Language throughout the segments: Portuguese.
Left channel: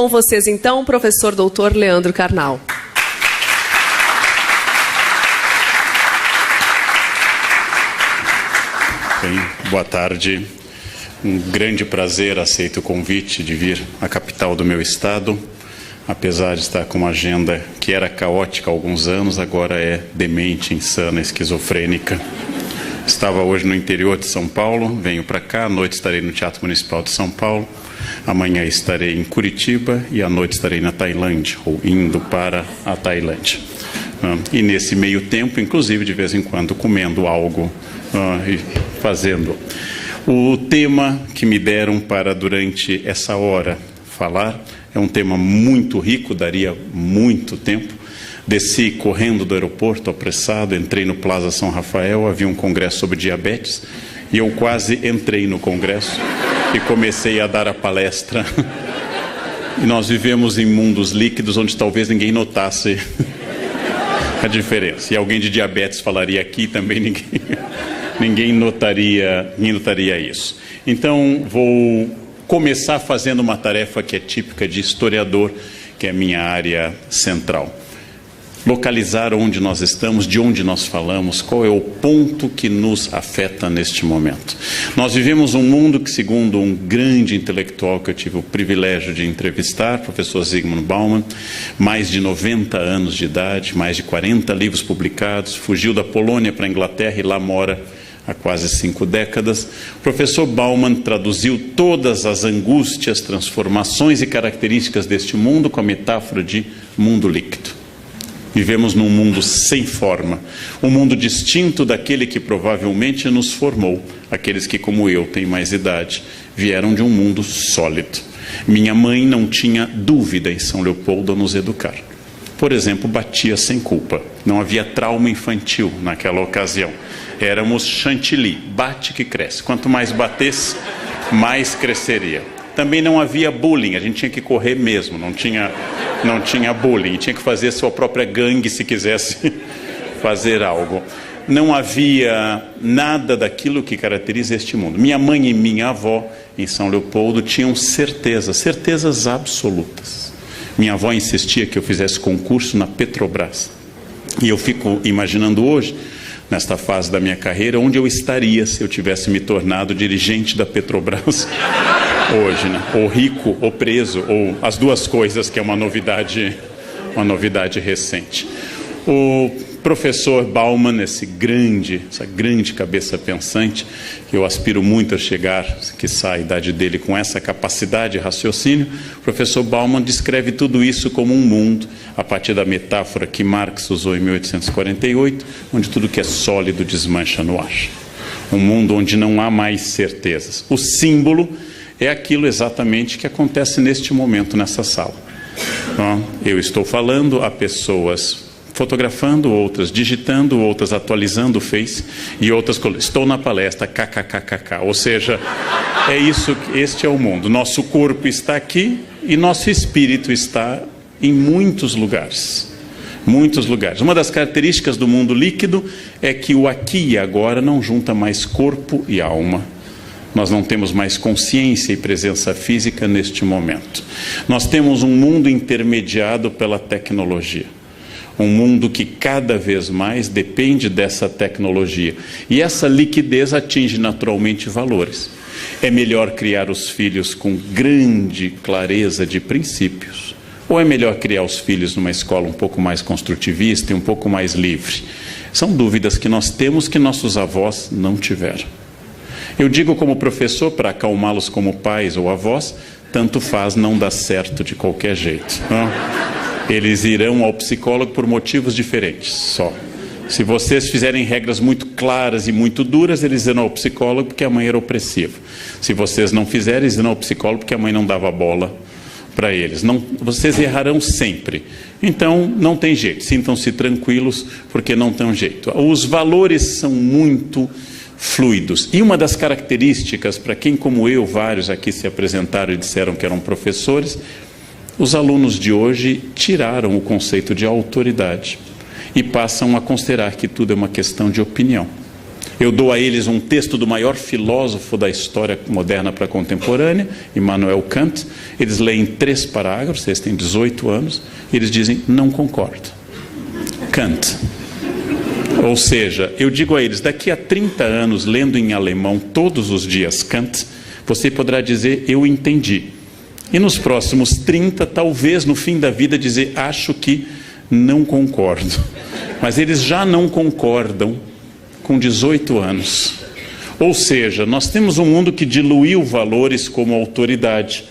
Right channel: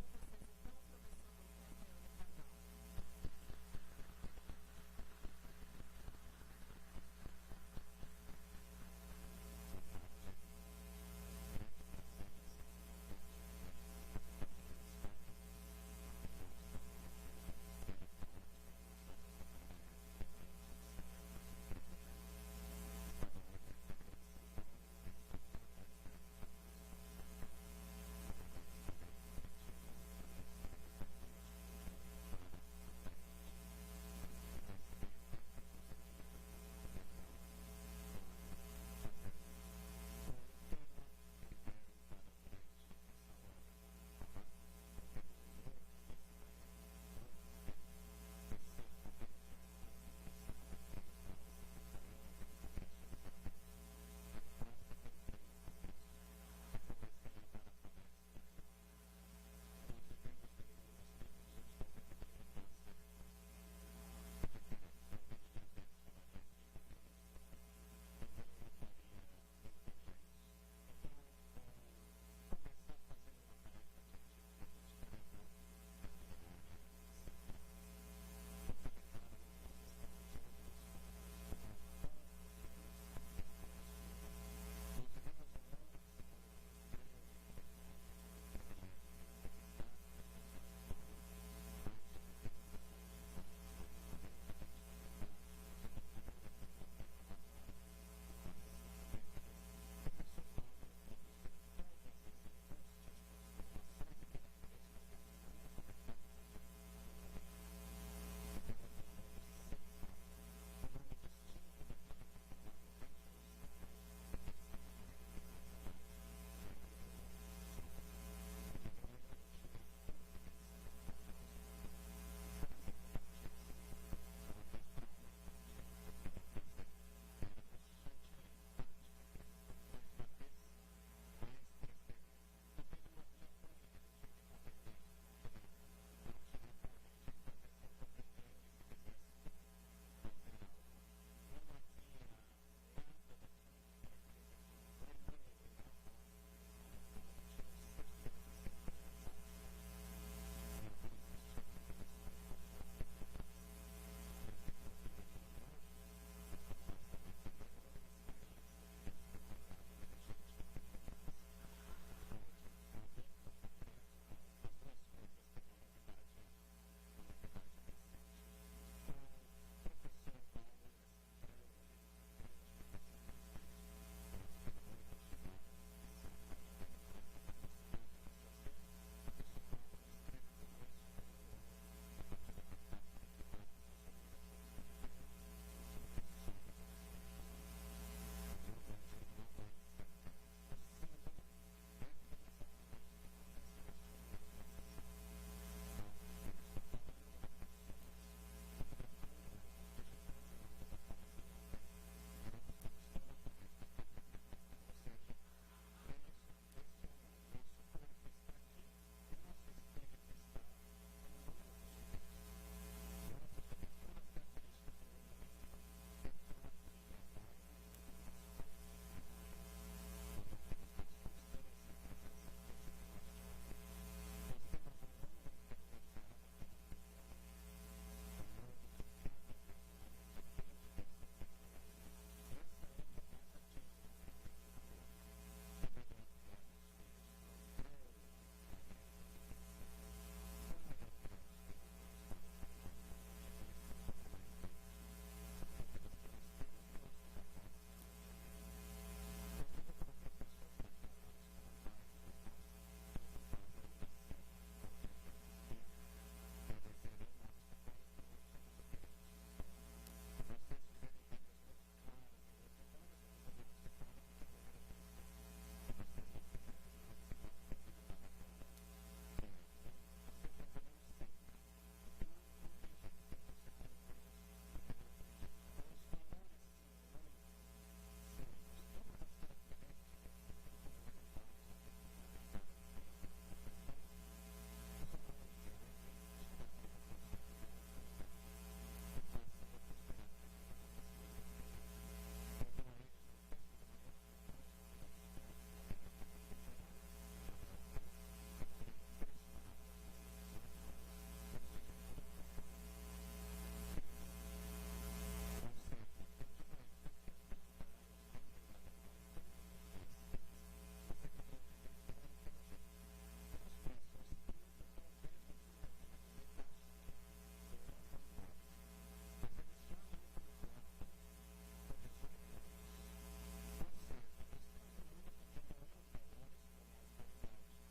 Com vocês, então, o professor doutor Leandro Carnal. Bem, boa tarde. Um grande prazer, aceito o convite de vir à capital do meu estado. Apesar de estar com uma agenda que era caótica há alguns anos, agora é demente, insana, esquizofrênica. Estava hoje no interior de São Paulo, venho para cá, à noite estarei no Teatro Municipal de São Paulo, amanhã estarei em Curitiba e à noite estarei na Tailândia, ou indo para a Tailândia. E nesse meio tempo, inclusive, de vez em quando, comendo algo e fazendo. O tema que me deram para, durante essa hora, falar é um tema muito rico, daria muito tempo. Desci correndo do aeroporto, apressado, entrei no Plaza São Rafael, havia um congresso sobre diabetes, e eu quase entrei no congresso e comecei a dar a palestra. E nós vivemos em mundos líquidos onde talvez ninguém notasse a diferença. E alguém de diabetes falaria aqui, também ninguém notaria isso. Então, vou começar fazendo uma tarefa que é típica de historiador, que é a minha área central. Localizar onde nós estamos, de onde nós falamos, qual é o ponto que nos afeta neste momento. Nós vivemos um mundo que, segundo um grande intelectual que eu tive o privilégio de entrevistar, professor Zygmunt Bauman, mais de 90 anos de idade, mais de 40 livros publicados, fugiu da Polônia para a Inglaterra e lá mora há quase 5 décadas. O professor Bauman traduziu todas as angústias, transformações e características deste mundo com a metáfora de mundo líquido. Vivemos num mundo sem forma, um mundo distinto daquele que provavelmente nos formou. Aqueles que, como eu, têm mais idade, vieram de um mundo sólido. Minha mãe não tinha dúvida em São Leopoldo a nos educar. Por exemplo, batia sem culpa. Não havia trauma infantil naquela ocasião. Éramos chantilly, bate que cresce. Quanto mais batesse, mais cresceria. Também não havia bullying, a gente tinha que correr mesmo, não tinha bullying, tinha que fazer sua própria gangue se quisesse fazer algo. Não havia nada daquilo que caracteriza este mundo. Minha mãe e minha avó, em São Leopoldo, tinham certezas absolutas. Minha avó insistia que eu fizesse concurso na Petrobras. E eu fico imaginando hoje, nesta fase da minha carreira, onde eu estaria se eu tivesse me tornado dirigente da Petrobras hoje, né? Ou rico, ou preso, ou as duas coisas, que é uma novidade recente. O professor Bauman, essa grande cabeça pensante, que eu aspiro muito a chegar, que sai a idade dele com essa capacidade de raciocínio, o professor Bauman descreve tudo isso como um mundo, a partir da metáfora que Marx usou em 1848, onde tudo que é sólido desmancha no ar. Um mundo onde não há mais certezas. O símbolo é aquilo exatamente que acontece neste momento nessa sala. Eu estou falando a pessoas fotografando, outras digitando, outras atualizando o Face e outras estou na palestra, kkkk. Ou seja, é isso, este é o mundo. Nosso corpo está aqui e nosso espírito está em muitos lugares. Muitos lugares. Uma das características do mundo líquido é que o aqui e agora não junta mais corpo e alma. Nós não temos mais consciência e presença física neste momento. Nós temos um mundo intermediado pela tecnologia. Um mundo que cada vez mais depende dessa tecnologia. E essa liquidez atinge naturalmente valores. É melhor criar os filhos com grande clareza de princípios? Ou é melhor criar os filhos numa escola um pouco mais construtivista e um pouco mais livre? São dúvidas que nós temos que nossos avós não tiveram. Eu digo como professor, para acalmá-los como pais ou avós, tanto faz, não dá certo de qualquer jeito. Eles irão ao psicólogo por motivos diferentes, só. Se vocês fizerem regras muito claras e muito duras, eles irão ao psicólogo porque a mãe era opressiva. Se vocês não fizerem, eles irão ao psicólogo porque a mãe não dava bola para eles. Não, vocês errarão sempre. Então, não tem jeito. Sintam-se tranquilos porque não tem jeito. Os valores são muito fluidos. E uma das características, para quem como eu, vários aqui se apresentaram e disseram que eram professores, os alunos de hoje tiraram o conceito de autoridade e passam a considerar que tudo é uma questão de opinião. Eu dou a eles um texto do maior filósofo da história moderna para a contemporânea, Immanuel Kant. Eles leem 3 parágrafos, eles têm 18 anos, e eles dizem, não concordo. Kant. Ou seja, eu digo a eles, daqui a 30 anos, lendo em alemão todos os dias Kant, você poderá dizer, eu entendi. E nos próximos 30, talvez no fim da vida, dizer, acho que não concordo. Mas eles já não concordam com 18 anos. Ou seja, nós temos um mundo que diluiu valores como autoridade.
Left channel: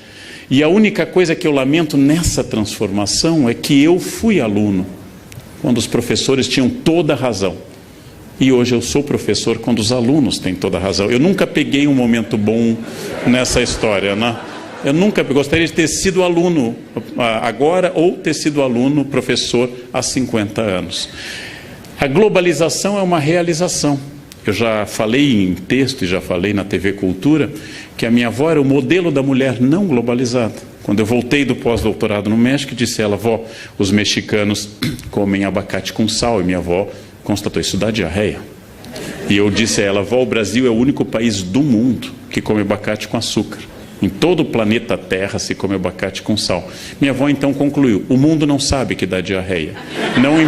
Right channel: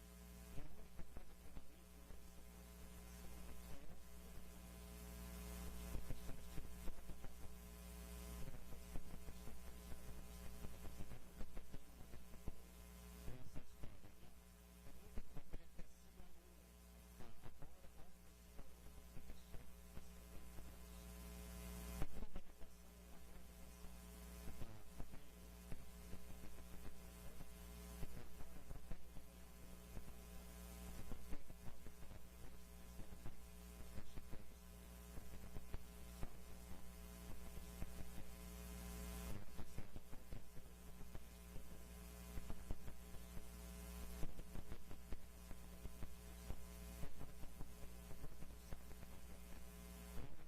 E a única coisa que eu lamento nessa transformação é que eu fui aluno quando os professores tinham toda a razão. E hoje eu sou professor quando os alunos têm toda a razão. Eu nunca peguei um momento bom nessa história, né? Eu nunca gostaria de ter sido aluno agora ou ter sido aluno, professor, há 50 anos. A globalização é uma realização. Eu já falei em texto e já falei na TV Cultura que a minha avó era o modelo da mulher não globalizada. Quando eu voltei do pós-doutorado no México, disse ela, vó, os mexicanos comem abacate com sal. E minha avó constatou, isso dá diarreia. E eu disse a ela, vó, o Brasil é o único país do mundo que come abacate com açúcar. Em todo o planeta Terra se come abacate com sal. Minha avó então concluiu, o mundo não sabe que dá diarreia. Não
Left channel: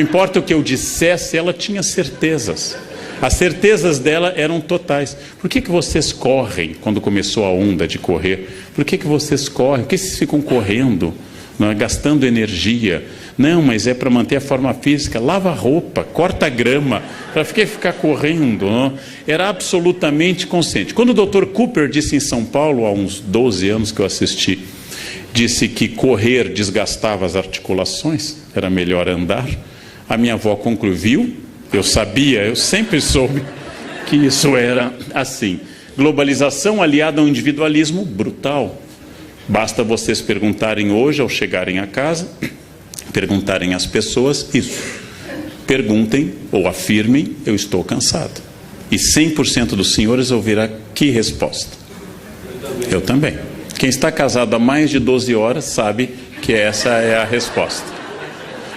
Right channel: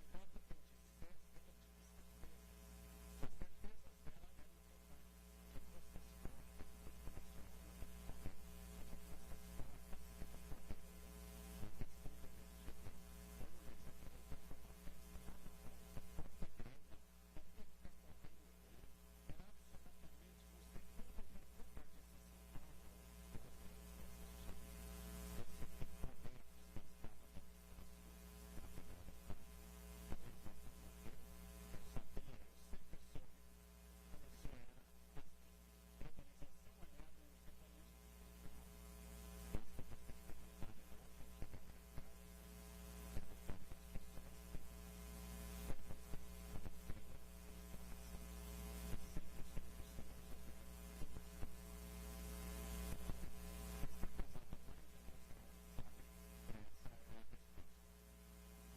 importa o que eu dissesse, ela tinha certezas. As certezas dela eram totais. Por que vocês correm quando começou a onda de correr? Por que vocês correm? Por que vocês ficam correndo, não é? Gastando energia? Não, mas é para manter a forma física. Lava a roupa, corta a grama, para ficar correndo. Não? Era absolutamente consciente. Quando o Dr. Cooper disse em São Paulo, há uns 12 anos que eu assisti, disse que correr desgastava as articulações, era melhor andar, a minha avó concluiu, eu sabia, eu sempre soube que isso era assim. Globalização aliada a um individualismo brutal. Basta vocês perguntarem hoje, ao chegarem a casa, perguntarem às pessoas isso. Perguntem ou afirmem, eu estou cansado. E 100% dos senhores ouvirá que resposta? Eu também. Quem está casado há mais de 12 horas sabe que essa é a resposta.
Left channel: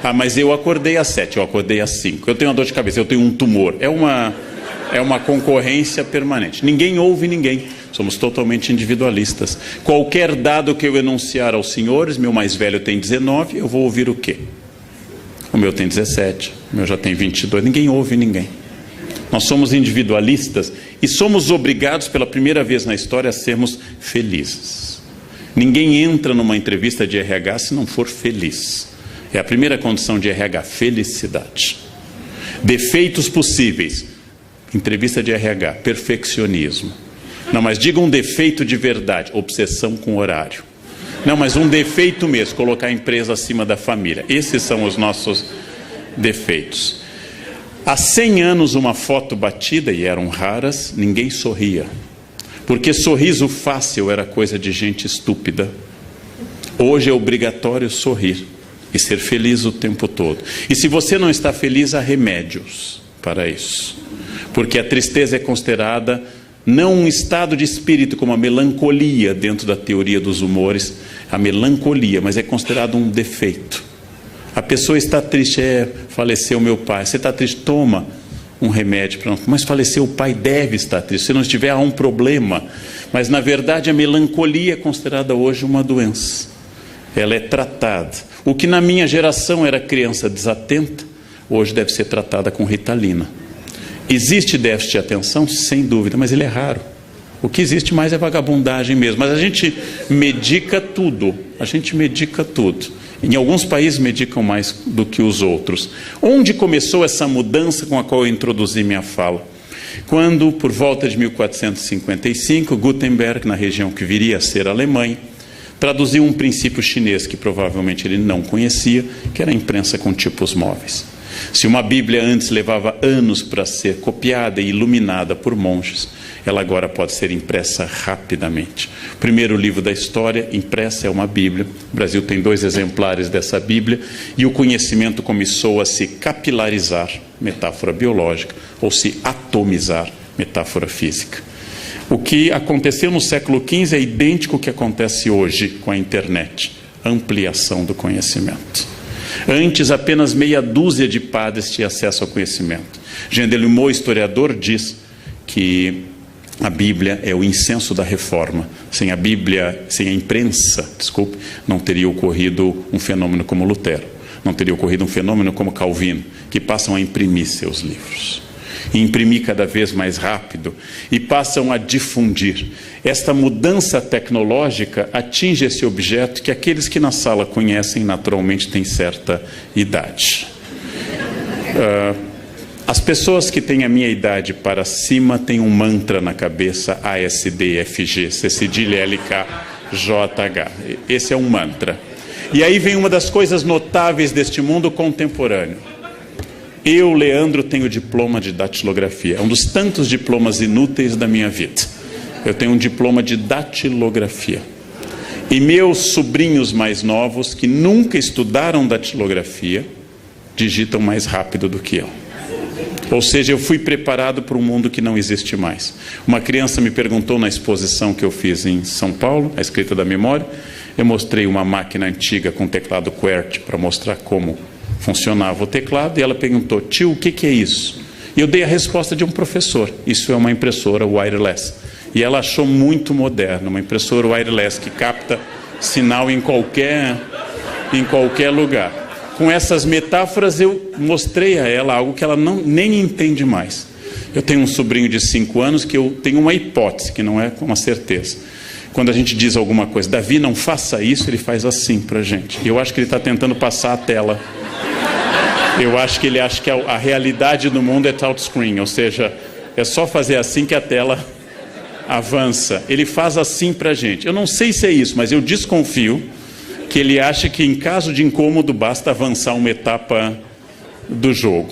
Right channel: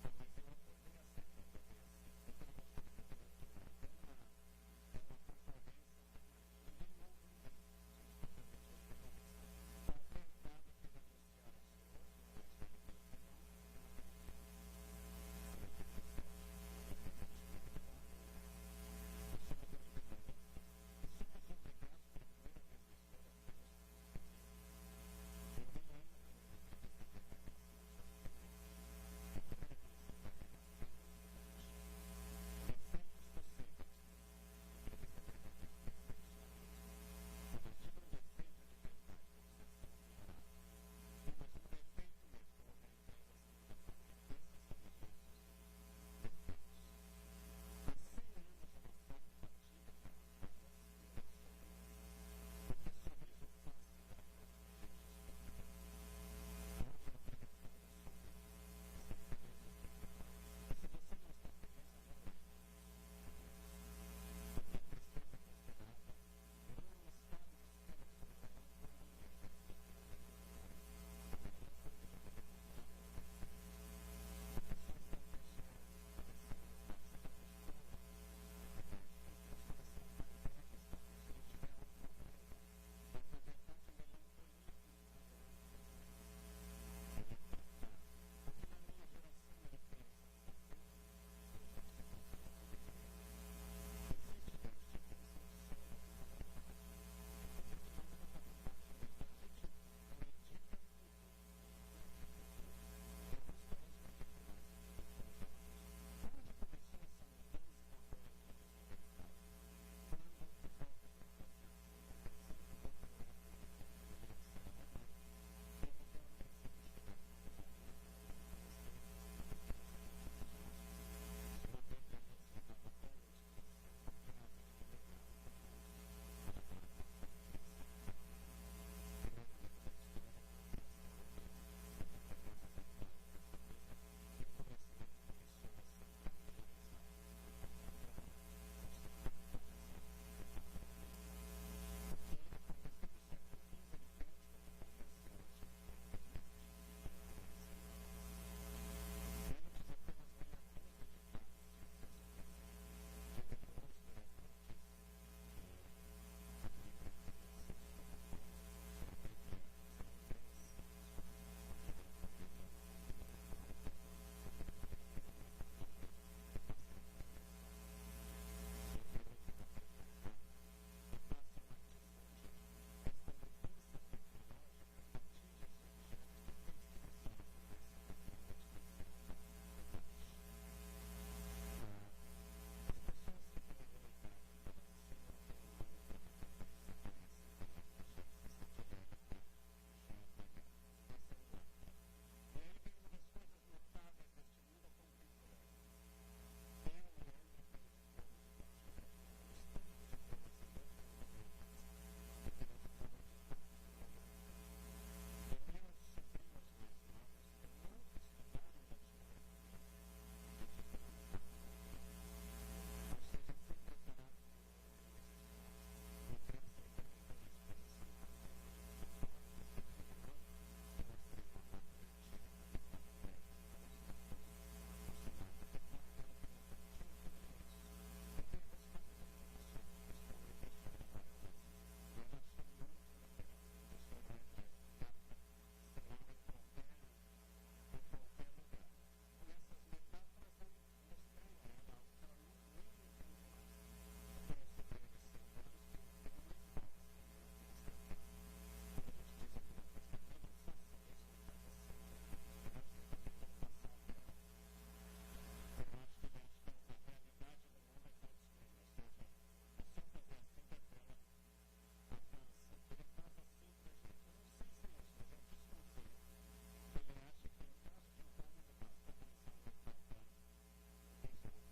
Ah, mas eu acordei às 7, eu acordei às 5. Eu tenho uma dor de cabeça, eu tenho um tumor. É uma concorrência permanente. Ninguém ouve ninguém. Somos totalmente individualistas. Qualquer dado que eu enunciar aos senhores, meu mais velho tem 19, eu vou ouvir o quê? O meu tem 17, o meu já tem 22. Ninguém ouve ninguém. Nós somos individualistas e somos obrigados pela primeira vez na história a sermos felizes. Ninguém entra numa entrevista de RH se não for feliz. É a primeira condição de RH, felicidade. Defeitos possíveis. Entrevista de RH, perfeccionismo. Não, mas diga um defeito de verdade, obsessão com horário. Não, mas um defeito mesmo, colocar a empresa acima da família. Esses são os nossos defeitos. Há 100 anos uma foto batida, e eram raras, ninguém sorria. Porque sorriso fácil era coisa de gente estúpida. Hoje é obrigatório sorrir e ser feliz o tempo todo. E se você não está feliz, há remédios para isso. Porque a tristeza é considerada não um estado de espírito como a melancolia dentro da teoria dos humores, a melancolia, mas é considerado um defeito. A pessoa está triste, faleceu meu pai, você está triste, toma um remédio, mas faleceu o pai, deve estar triste, se não estiver há um problema. Mas na verdade a melancolia é considerada hoje uma doença, ela é tratada. O que na minha geração era criança desatenta, hoje deve ser tratada com Ritalina. Existe déficit de atenção? Sem dúvida, mas ele é raro. O que existe mais é vagabundagem mesmo. Mas a gente medica tudo. A gente medica tudo. Em alguns países medicam mais do que os outros. Onde começou essa mudança com a qual eu introduzi minha fala? Quando, por volta de 1455, Gutenberg, na região que viria a ser a Alemanha, traduziu um princípio chinês que provavelmente ele não conhecia, que era a imprensa com tipos móveis. Se uma Bíblia antes levava anos para ser copiada e iluminada por monges, ela agora pode ser impressa rapidamente. O primeiro livro da história impressa é uma Bíblia. O Brasil tem 2 exemplares dessa Bíblia e o conhecimento começou a se capilarizar, metáfora biológica, ou se atomizar, metáfora física. O que aconteceu no século XV é idêntico ao que acontece hoje com a internet. Ampliação do conhecimento. Antes, apenas meia dúzia de padres tinham acesso ao conhecimento. Jean Delumeau, historiador, diz que a Bíblia é o incenso da reforma. Sem a Bíblia, sem a imprensa, não teria ocorrido um fenômeno como Lutero. Não teria ocorrido um fenômeno como Calvino, que passam a imprimir seus livros. E imprimir cada vez mais rápido e passam a difundir. Esta mudança tecnológica atinge esse objeto que aqueles que na sala conhecem naturalmente têm certa idade. As pessoas que têm a minha idade para cima têm um mantra na cabeça: ASDFG, C cedilha LKJH. Esse é um mantra. E aí vem uma das coisas notáveis deste mundo contemporâneo. Eu, Leandro, tenho diploma de datilografia. É um dos tantos diplomas inúteis da minha vida. Eu tenho um diploma de datilografia. E meus sobrinhos mais novos, que nunca estudaram datilografia, digitam mais rápido do que eu. Ou seja, eu fui preparado para um mundo que não existe mais. Uma criança me perguntou na exposição que eu fiz em São Paulo, a escrita da memória. Eu mostrei uma máquina antiga com teclado QWERTY para mostrar como funcionava o teclado. E ela perguntou: tio, o que é isso? E eu dei a resposta de um professor: isso é uma impressora wireless. E ela achou muito moderno, uma impressora wireless que capta sinal em qualquer lugar. Com essas metáforas eu mostrei a ela algo que ela nem entende mais. Eu tenho um sobrinho de 5 anos que eu tenho uma hipótese, que não é uma certeza. Quando a gente diz alguma coisa: Davi, não faça isso, ele faz assim para a gente. E eu acho que ele está tentando passar a tela. Eu acho que ele acha que a realidade do mundo é touchscreen, ou seja, é só fazer assim que a tela avança. Ele faz assim para a gente. Eu não sei se é isso, mas eu desconfio que ele acha que em caso de incômodo basta avançar uma etapa do jogo.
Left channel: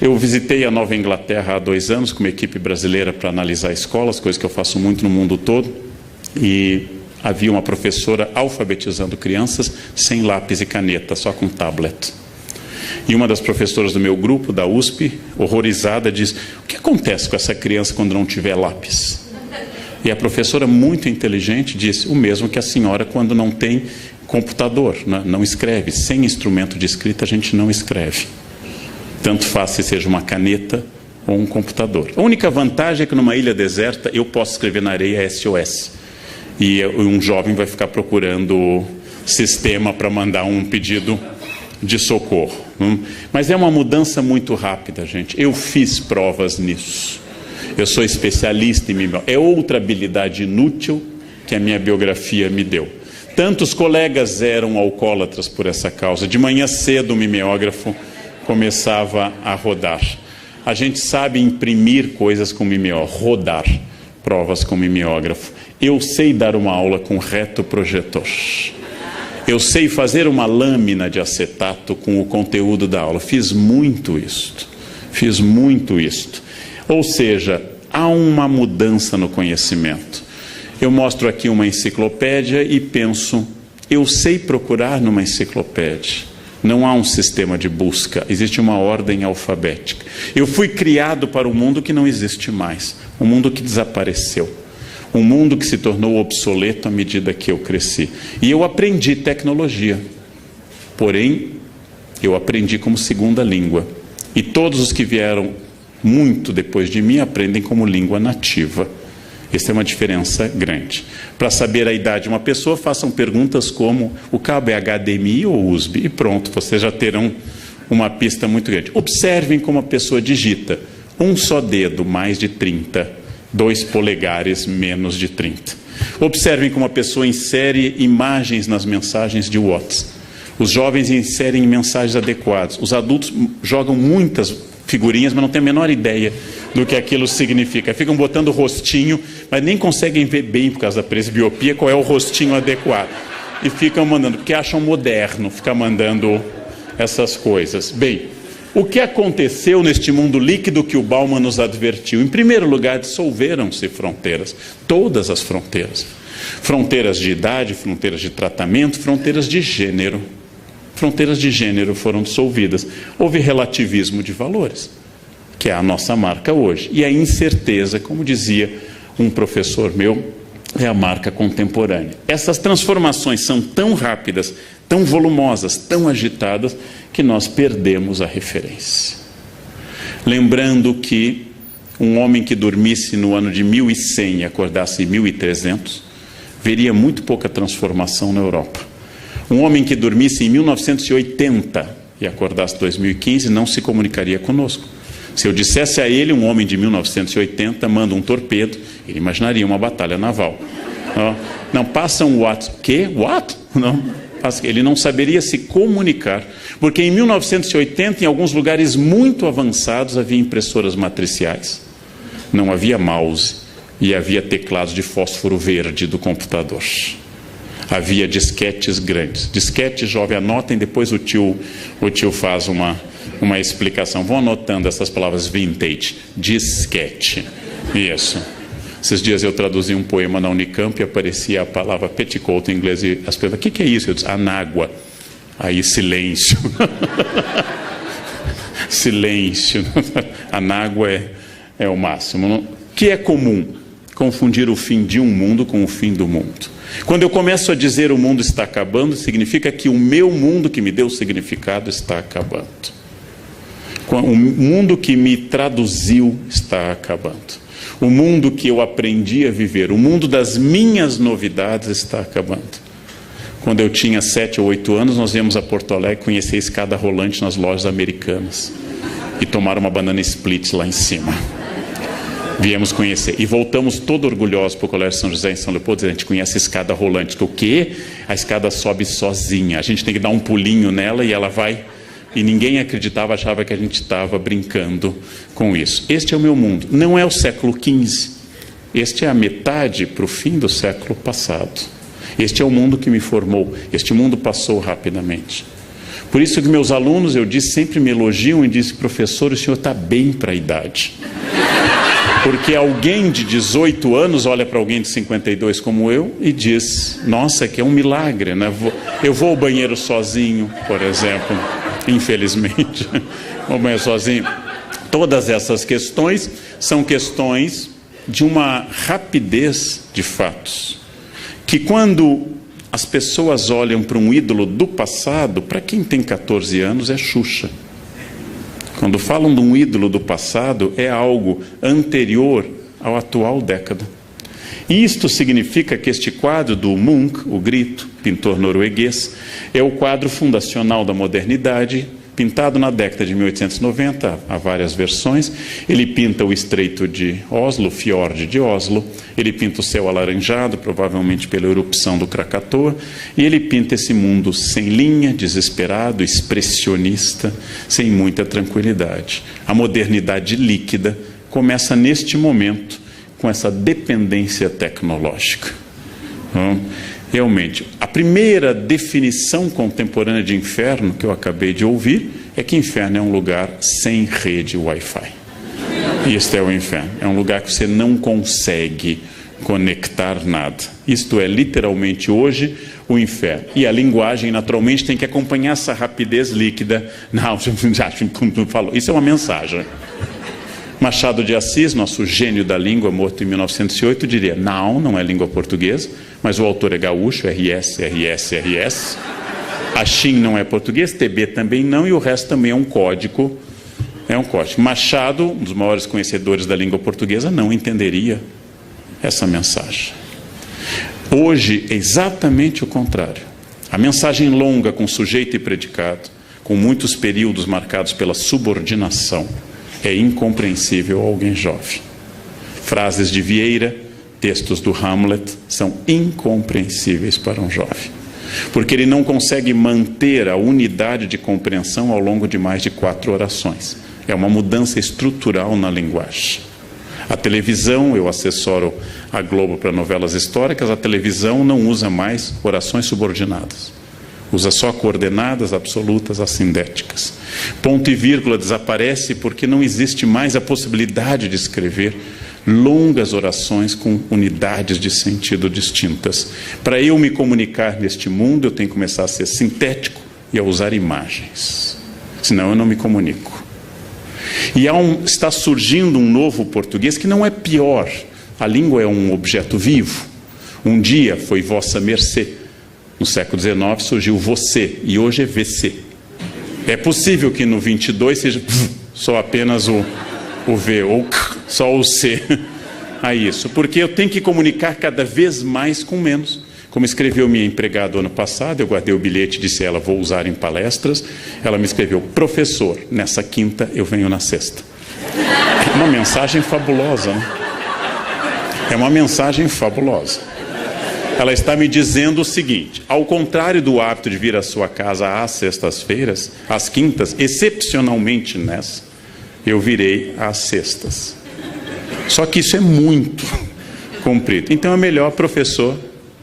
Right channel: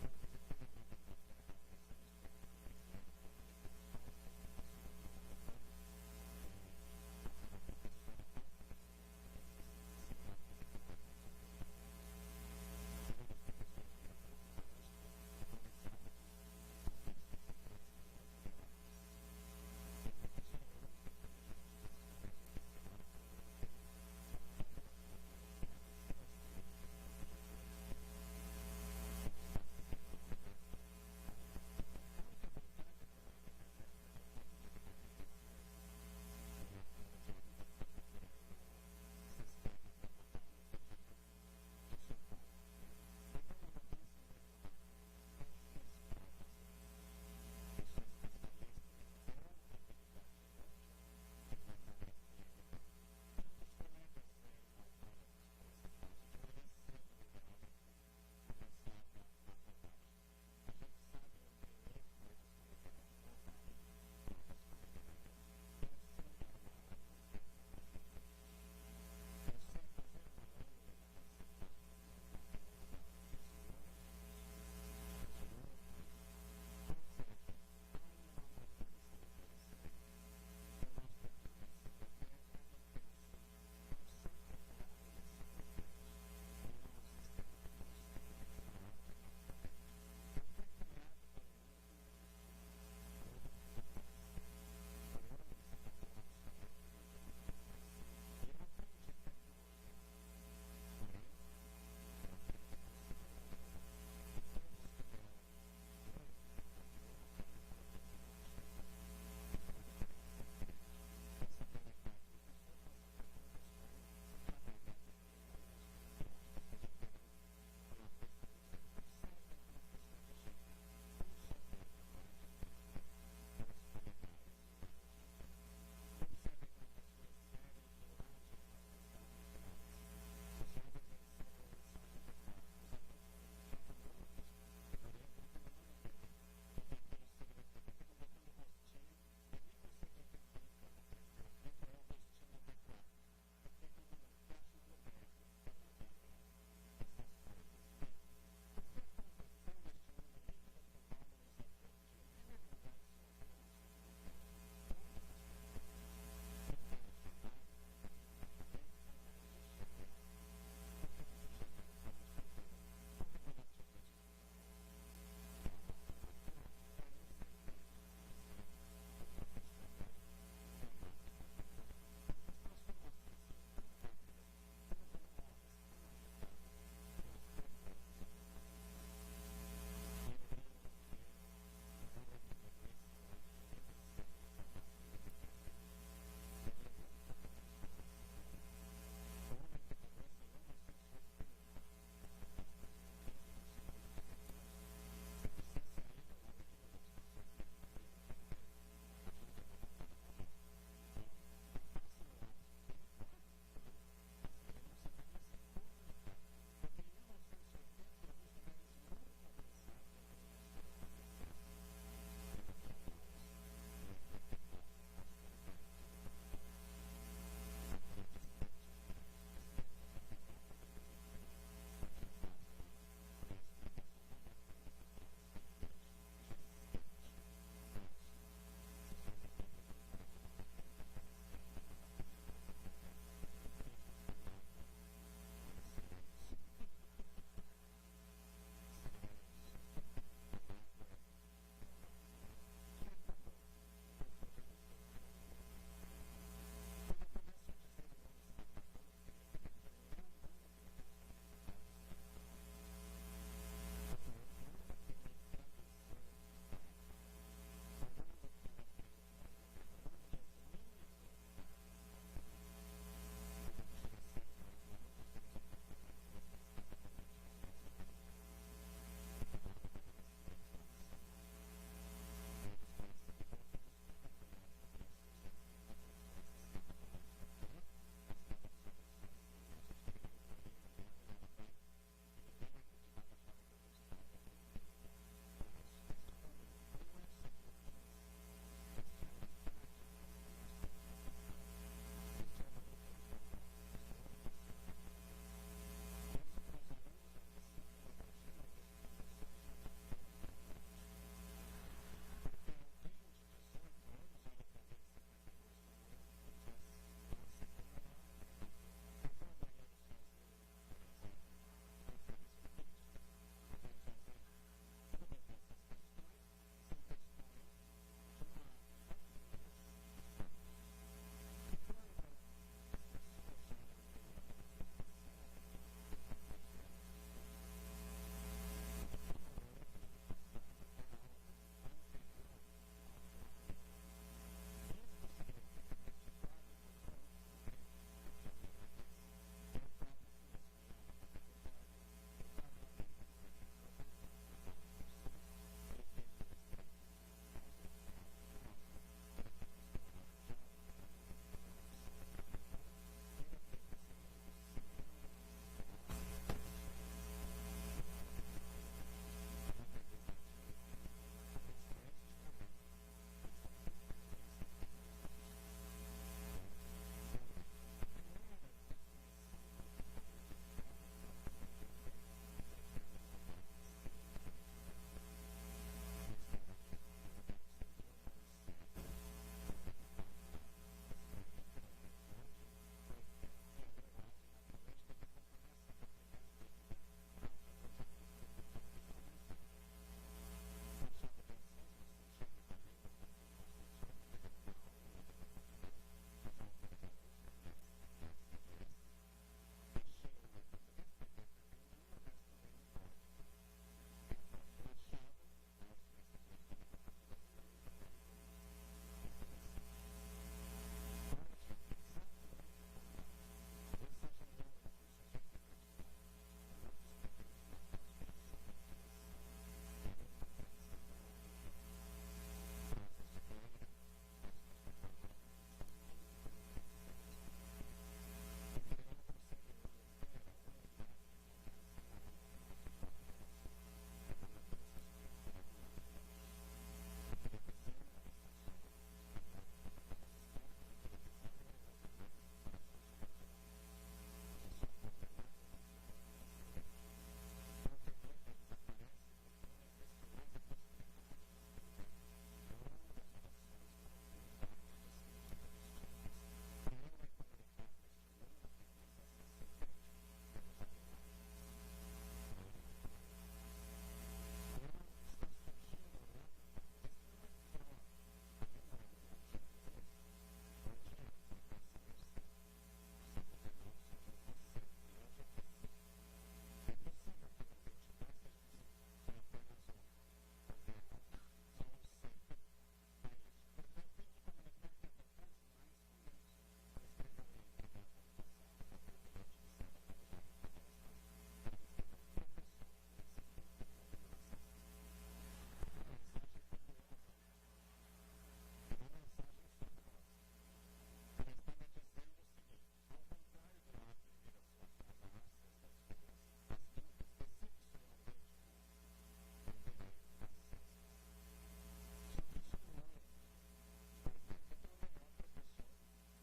Eu visitei a Nova Inglaterra há 2 anos com uma equipe brasileira para analisar escolas, coisa que eu faço muito no mundo todo, e havia uma professora alfabetizando crianças sem lápis e caneta, só com tablet. E uma das professoras do meu grupo, da USP, horrorizada, diz: o que acontece com essa criança quando não tiver lápis? E a professora, muito inteligente, disse: o mesmo que a senhora quando não tem computador, né? Não escreve. Sem instrumento de escrita a gente não escreve. Tanto faz se seja uma caneta ou um computador. A única vantagem é que numa ilha deserta eu posso escrever na areia SOS. E um jovem vai ficar procurando sistema para mandar um pedido de socorro. Mas é uma mudança muito rápida, gente. Eu fiz provas nisso. Eu sou especialista em mimeógrafo. É outra habilidade inútil que a minha biografia me deu. Tantos colegas eram alcoólatras por essa causa. De manhã cedo o mimeógrafo começava a rodar. A gente sabe imprimir coisas com mimeógrafo, rodar provas com mimeógrafo. Eu sei dar uma aula com retroprojetor. Eu sei fazer uma lâmina de acetato com o conteúdo da aula. Fiz muito isto. Ou seja, há uma mudança no conhecimento. Eu mostro aqui uma enciclopédia e penso: eu sei procurar numa enciclopédia. Não há um sistema de busca, existe uma ordem alfabética. Eu fui criado para um mundo que não existe mais, um mundo que desapareceu, um mundo que se tornou obsoleto à medida que eu cresci. E eu aprendi tecnologia, porém, eu aprendi como segunda língua. E todos os que vieram muito depois de mim aprendem como língua nativa. Essa é uma diferença grande. Para saber a idade de uma pessoa, façam perguntas como: o cabo é HDMI ou USB? E pronto, vocês já terão uma pista muito grande. Observem como a pessoa digita: um só dedo, mais de 30, 2 polegares, menos de 30. Observem como a pessoa insere imagens nas mensagens de WhatsApp. Os jovens inserem mensagens adequadas. Os adultos jogam muitas figurinhas, mas não têm a menor ideia do que aquilo significa. Ficam botando o rostinho, mas nem conseguem ver bem, por causa da presbiopia, qual é o rostinho adequado. E ficam mandando, porque acham moderno ficar mandando essas coisas. Bem, o que aconteceu neste mundo líquido que o Bauman nos advertiu? Em primeiro lugar, dissolveram-se fronteiras, todas as fronteiras. Fronteiras de idade, fronteiras de tratamento, fronteiras de gênero. Fronteiras de gênero foram dissolvidas. Houve relativismo de valores, que é a nossa marca hoje. E a incerteza, como dizia um professor meu, é a marca contemporânea. Essas transformações são tão rápidas, tão volumosas, tão agitadas, que nós perdemos a referência. Lembrando que um homem que dormisse no ano de 1100 e acordasse em 1300, veria muito pouca transformação na Europa. Um homem que dormisse em 1980 e acordasse em 2015 não se comunicaria conosco. Se eu dissesse a ele, um homem de 1980 manda um torpedo, ele imaginaria uma batalha naval. Não, passa um what? Que? What? Não, ele não saberia se comunicar, porque em 1980, em alguns lugares muito avançados, havia impressoras matriciais. Não havia mouse e havia teclados de fósforo verde do computador. Havia disquetes grandes. Disquete, jovem, anotem, depois o tio faz uma explicação. Vão anotando essas palavras vintage. Disquete. Isso. Esses dias eu traduzi um poema na Unicamp e aparecia a palavra petticoat em inglês. E as pessoas, o que é isso? Eu disse, anágua. Aí, silêncio. Silêncio. Anágua é o máximo. O que é comum? Confundir o fim de um mundo com o fim do mundo. Quando eu começo a dizer o mundo está acabando, significa que o meu mundo que me deu significado está acabando. O mundo que me traduziu está acabando. O mundo que eu aprendi a viver, o mundo das minhas novidades está acabando. Quando eu tinha 7 ou 8 anos, nós viemos a Porto Alegre conhecer a escada rolante nas lojas americanas e tomar uma banana split lá em cima. Viemos conhecer e voltamos todo orgulhosos para o Colégio São José em São Leopoldo, dizendo, a gente conhece a escada rolante, que o quê? A escada sobe sozinha, a gente tem que dar um pulinho nela e ela vai, e ninguém acreditava, achava que a gente estava brincando com isso. Este é o meu mundo, não é o século XV, este é a metade para o fim do século passado. Este é o mundo que me formou, este mundo passou rapidamente. Por isso que meus alunos, eu disse, sempre me elogiam e dizem, professor, o senhor está bem para a idade. Porque alguém de 18 anos olha para alguém de 52 como eu e diz, nossa, que é um milagre, né? Eu vou ao banheiro sozinho, por exemplo, infelizmente, vou ao banheiro sozinho. Todas essas questões são questões de uma rapidez de fatos, que quando as pessoas olham para um ídolo do passado, para quem tem 14 anos é Xuxa. Quando falam de um ídolo do passado, é algo anterior à atual década. E isto significa que este quadro do Munch, o Grito, pintor norueguês, é o quadro fundacional da modernidade, pintado na década de 1890, há várias versões. Ele pinta o Estreito de Oslo, o Fiord de Oslo, ele pinta o céu alaranjado, provavelmente pela erupção do Krakatoa, e ele pinta esse mundo sem linha, desesperado, expressionista, sem muita tranquilidade. A modernidade líquida começa neste momento, com essa dependência tecnológica. Realmente, a primeira definição contemporânea de inferno que eu acabei de ouvir é que inferno é um lugar sem rede Wi-Fi. Isto é o inferno. É um lugar que você não consegue conectar nada. Isto é literalmente hoje o inferno. E a linguagem, naturalmente, tem que acompanhar essa rapidez líquida. Não, já falou. Isso é uma mensagem. Machado de Assis, nosso gênio da língua, morto em 1908, diria, não é língua portuguesa, mas o autor é gaúcho, RS. A Xin não é português, TB também não, e o resto também é um código. Machado, um dos maiores conhecedores da língua portuguesa, não entenderia essa mensagem. Hoje é exatamente o contrário. A mensagem longa com sujeito e predicado, com muitos períodos marcados pela subordinação, é incompreensível a alguém jovem. Frases de Vieira, textos do Hamlet, são incompreensíveis para um jovem. Porque ele não consegue manter a unidade de compreensão ao longo de mais de 4 orações. É uma mudança estrutural na linguagem. A televisão, eu assessoro a Globo para novelas históricas, a televisão não usa mais orações subordinadas. Usa só coordenadas absolutas assindéticas. Ponto e vírgula desaparece porque não existe mais a possibilidade de escrever longas orações com unidades de sentido distintas. Para eu me comunicar neste mundo, eu tenho que começar a ser sintético e a usar imagens. Senão eu não me comunico. E está surgindo um novo português que não é pior. A língua é um objeto vivo. Um dia foi vossa mercê. No século XIX surgiu você e hoje é VC. É possível que no 22 seja só apenas o V ou só o C. A isso, porque eu tenho que comunicar cada vez mais com menos. Como escreveu minha empregada ano passado, eu guardei o bilhete e disse a ela, vou usar em palestras. Ela me escreveu, professor, nessa quinta eu venho na sexta. É uma mensagem fabulosa, né? É uma mensagem fabulosa. Ela está me dizendo o seguinte, ao contrário do hábito de vir à sua casa às sextas-feiras, às quintas, excepcionalmente nessa, eu virei às sextas. Só que isso é muito comprido. Então é melhor, professor,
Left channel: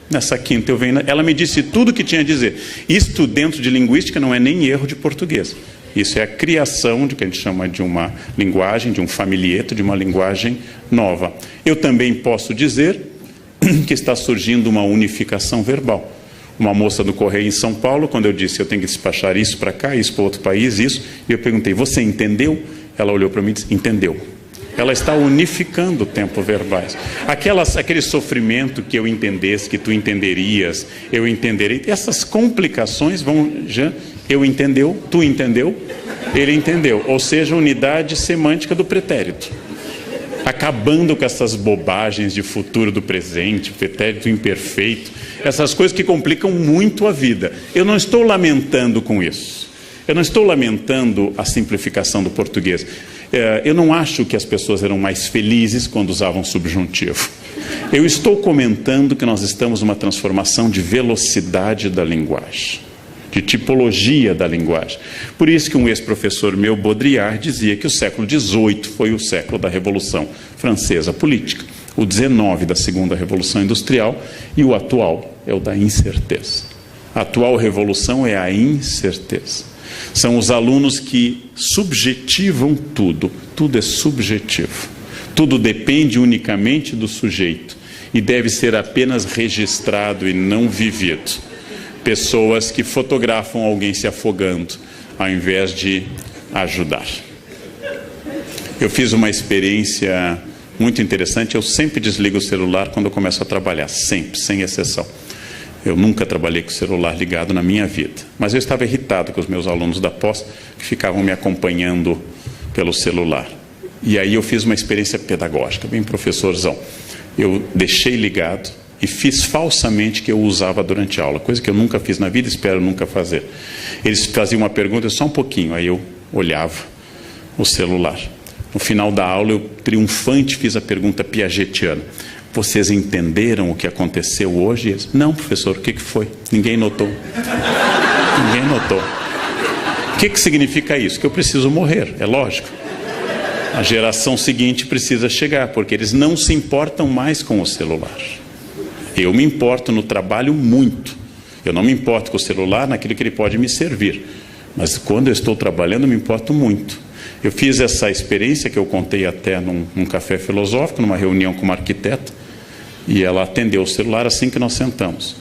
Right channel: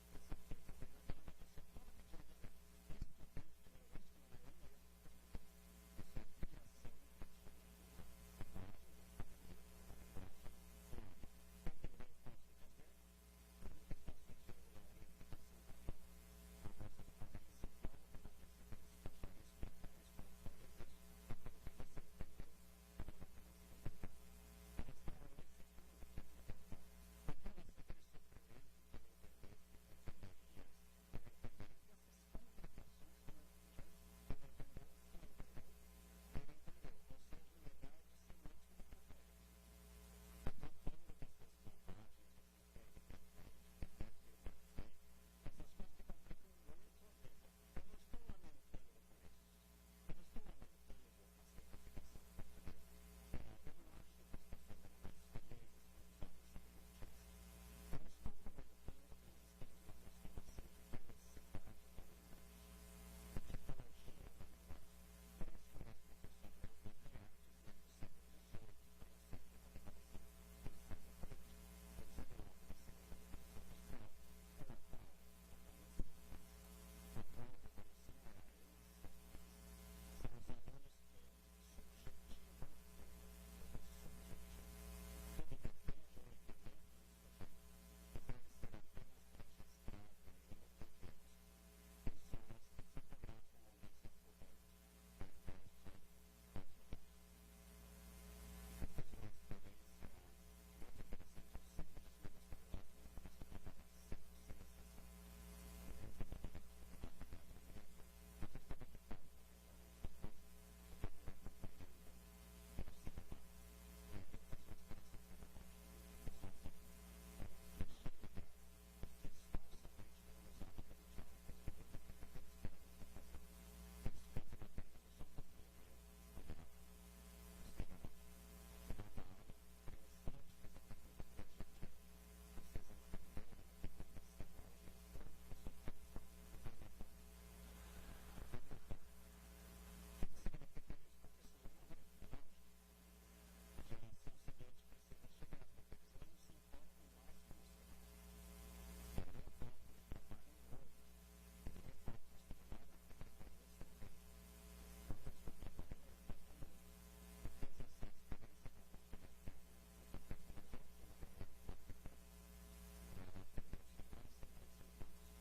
nessa quinta eu venho... Ela me disse tudo o que tinha a dizer. Isto dentro de linguística não é nem erro de português. Isso é a criação de que a gente chama de uma linguagem, de um familieto, de uma linguagem nova. Eu também posso dizer que está surgindo uma unificação verbal. Uma moça do Correio em São Paulo, quando eu disse eu tenho que despachar isso para cá, isso para outro país, isso, e eu perguntei, você entendeu? Ela olhou para mim e disse, entendeu. Ela está unificando o tempo verbais. Aquele sofrimento que eu entendesse, que tu entenderias, eu entenderei. Essas complicações vão... Eu entendeu, tu entendeu, ele entendeu. Ou seja, unidade semântica do pretérito. Acabando com essas bobagens de futuro do presente, pretérito imperfeito. Essas coisas que complicam muito a vida. Eu não estou lamentando com isso. Eu não estou lamentando a simplificação do português. Eu não acho que as pessoas eram mais felizes quando usavam subjuntivo. Eu estou comentando que nós estamos numa transformação de velocidade da linguagem, de tipologia da linguagem. Por isso que um ex-professor meu, Baudrillard, dizia que o século XVIII foi o século da Revolução Francesa política, o XIX da Segunda Revolução Industrial e o atual é o da incerteza. A atual revolução é a incerteza. São os alunos que subjetivam tudo. Tudo é subjetivo. Tudo depende unicamente do sujeito e deve ser apenas registrado e não vivido. Pessoas que fotografam alguém se afogando, ao invés de ajudar. Eu fiz uma experiência muito interessante. Eu sempre desligo o celular quando eu começo a trabalhar. Sempre, sem exceção. Eu nunca trabalhei com o celular ligado na minha vida. Mas eu estava irritado com os meus alunos da pós, que ficavam me acompanhando pelo celular. E aí eu fiz uma experiência pedagógica, bem professorzão. Eu deixei ligado e fiz falsamente que eu usava durante a aula, coisa que eu nunca fiz na vida, espero nunca fazer. Eles faziam uma pergunta, só um pouquinho, aí eu olhava o celular. No final da aula, eu triunfante fiz a pergunta piagetiana. Vocês entenderam o que aconteceu hoje? Eles, não, professor, o que foi? Ninguém notou. Ninguém notou. O que significa isso? Que eu preciso morrer, é lógico. A geração seguinte precisa chegar, porque eles não se importam mais com o celular. Eu me importo no trabalho muito. Eu não me importo com o celular naquilo que ele pode me servir. Mas quando eu estou trabalhando, eu me importo muito. Eu fiz essa experiência que eu contei até num café filosófico, numa reunião com uma arquiteta, e ela atendeu o celular assim que nós sentamos.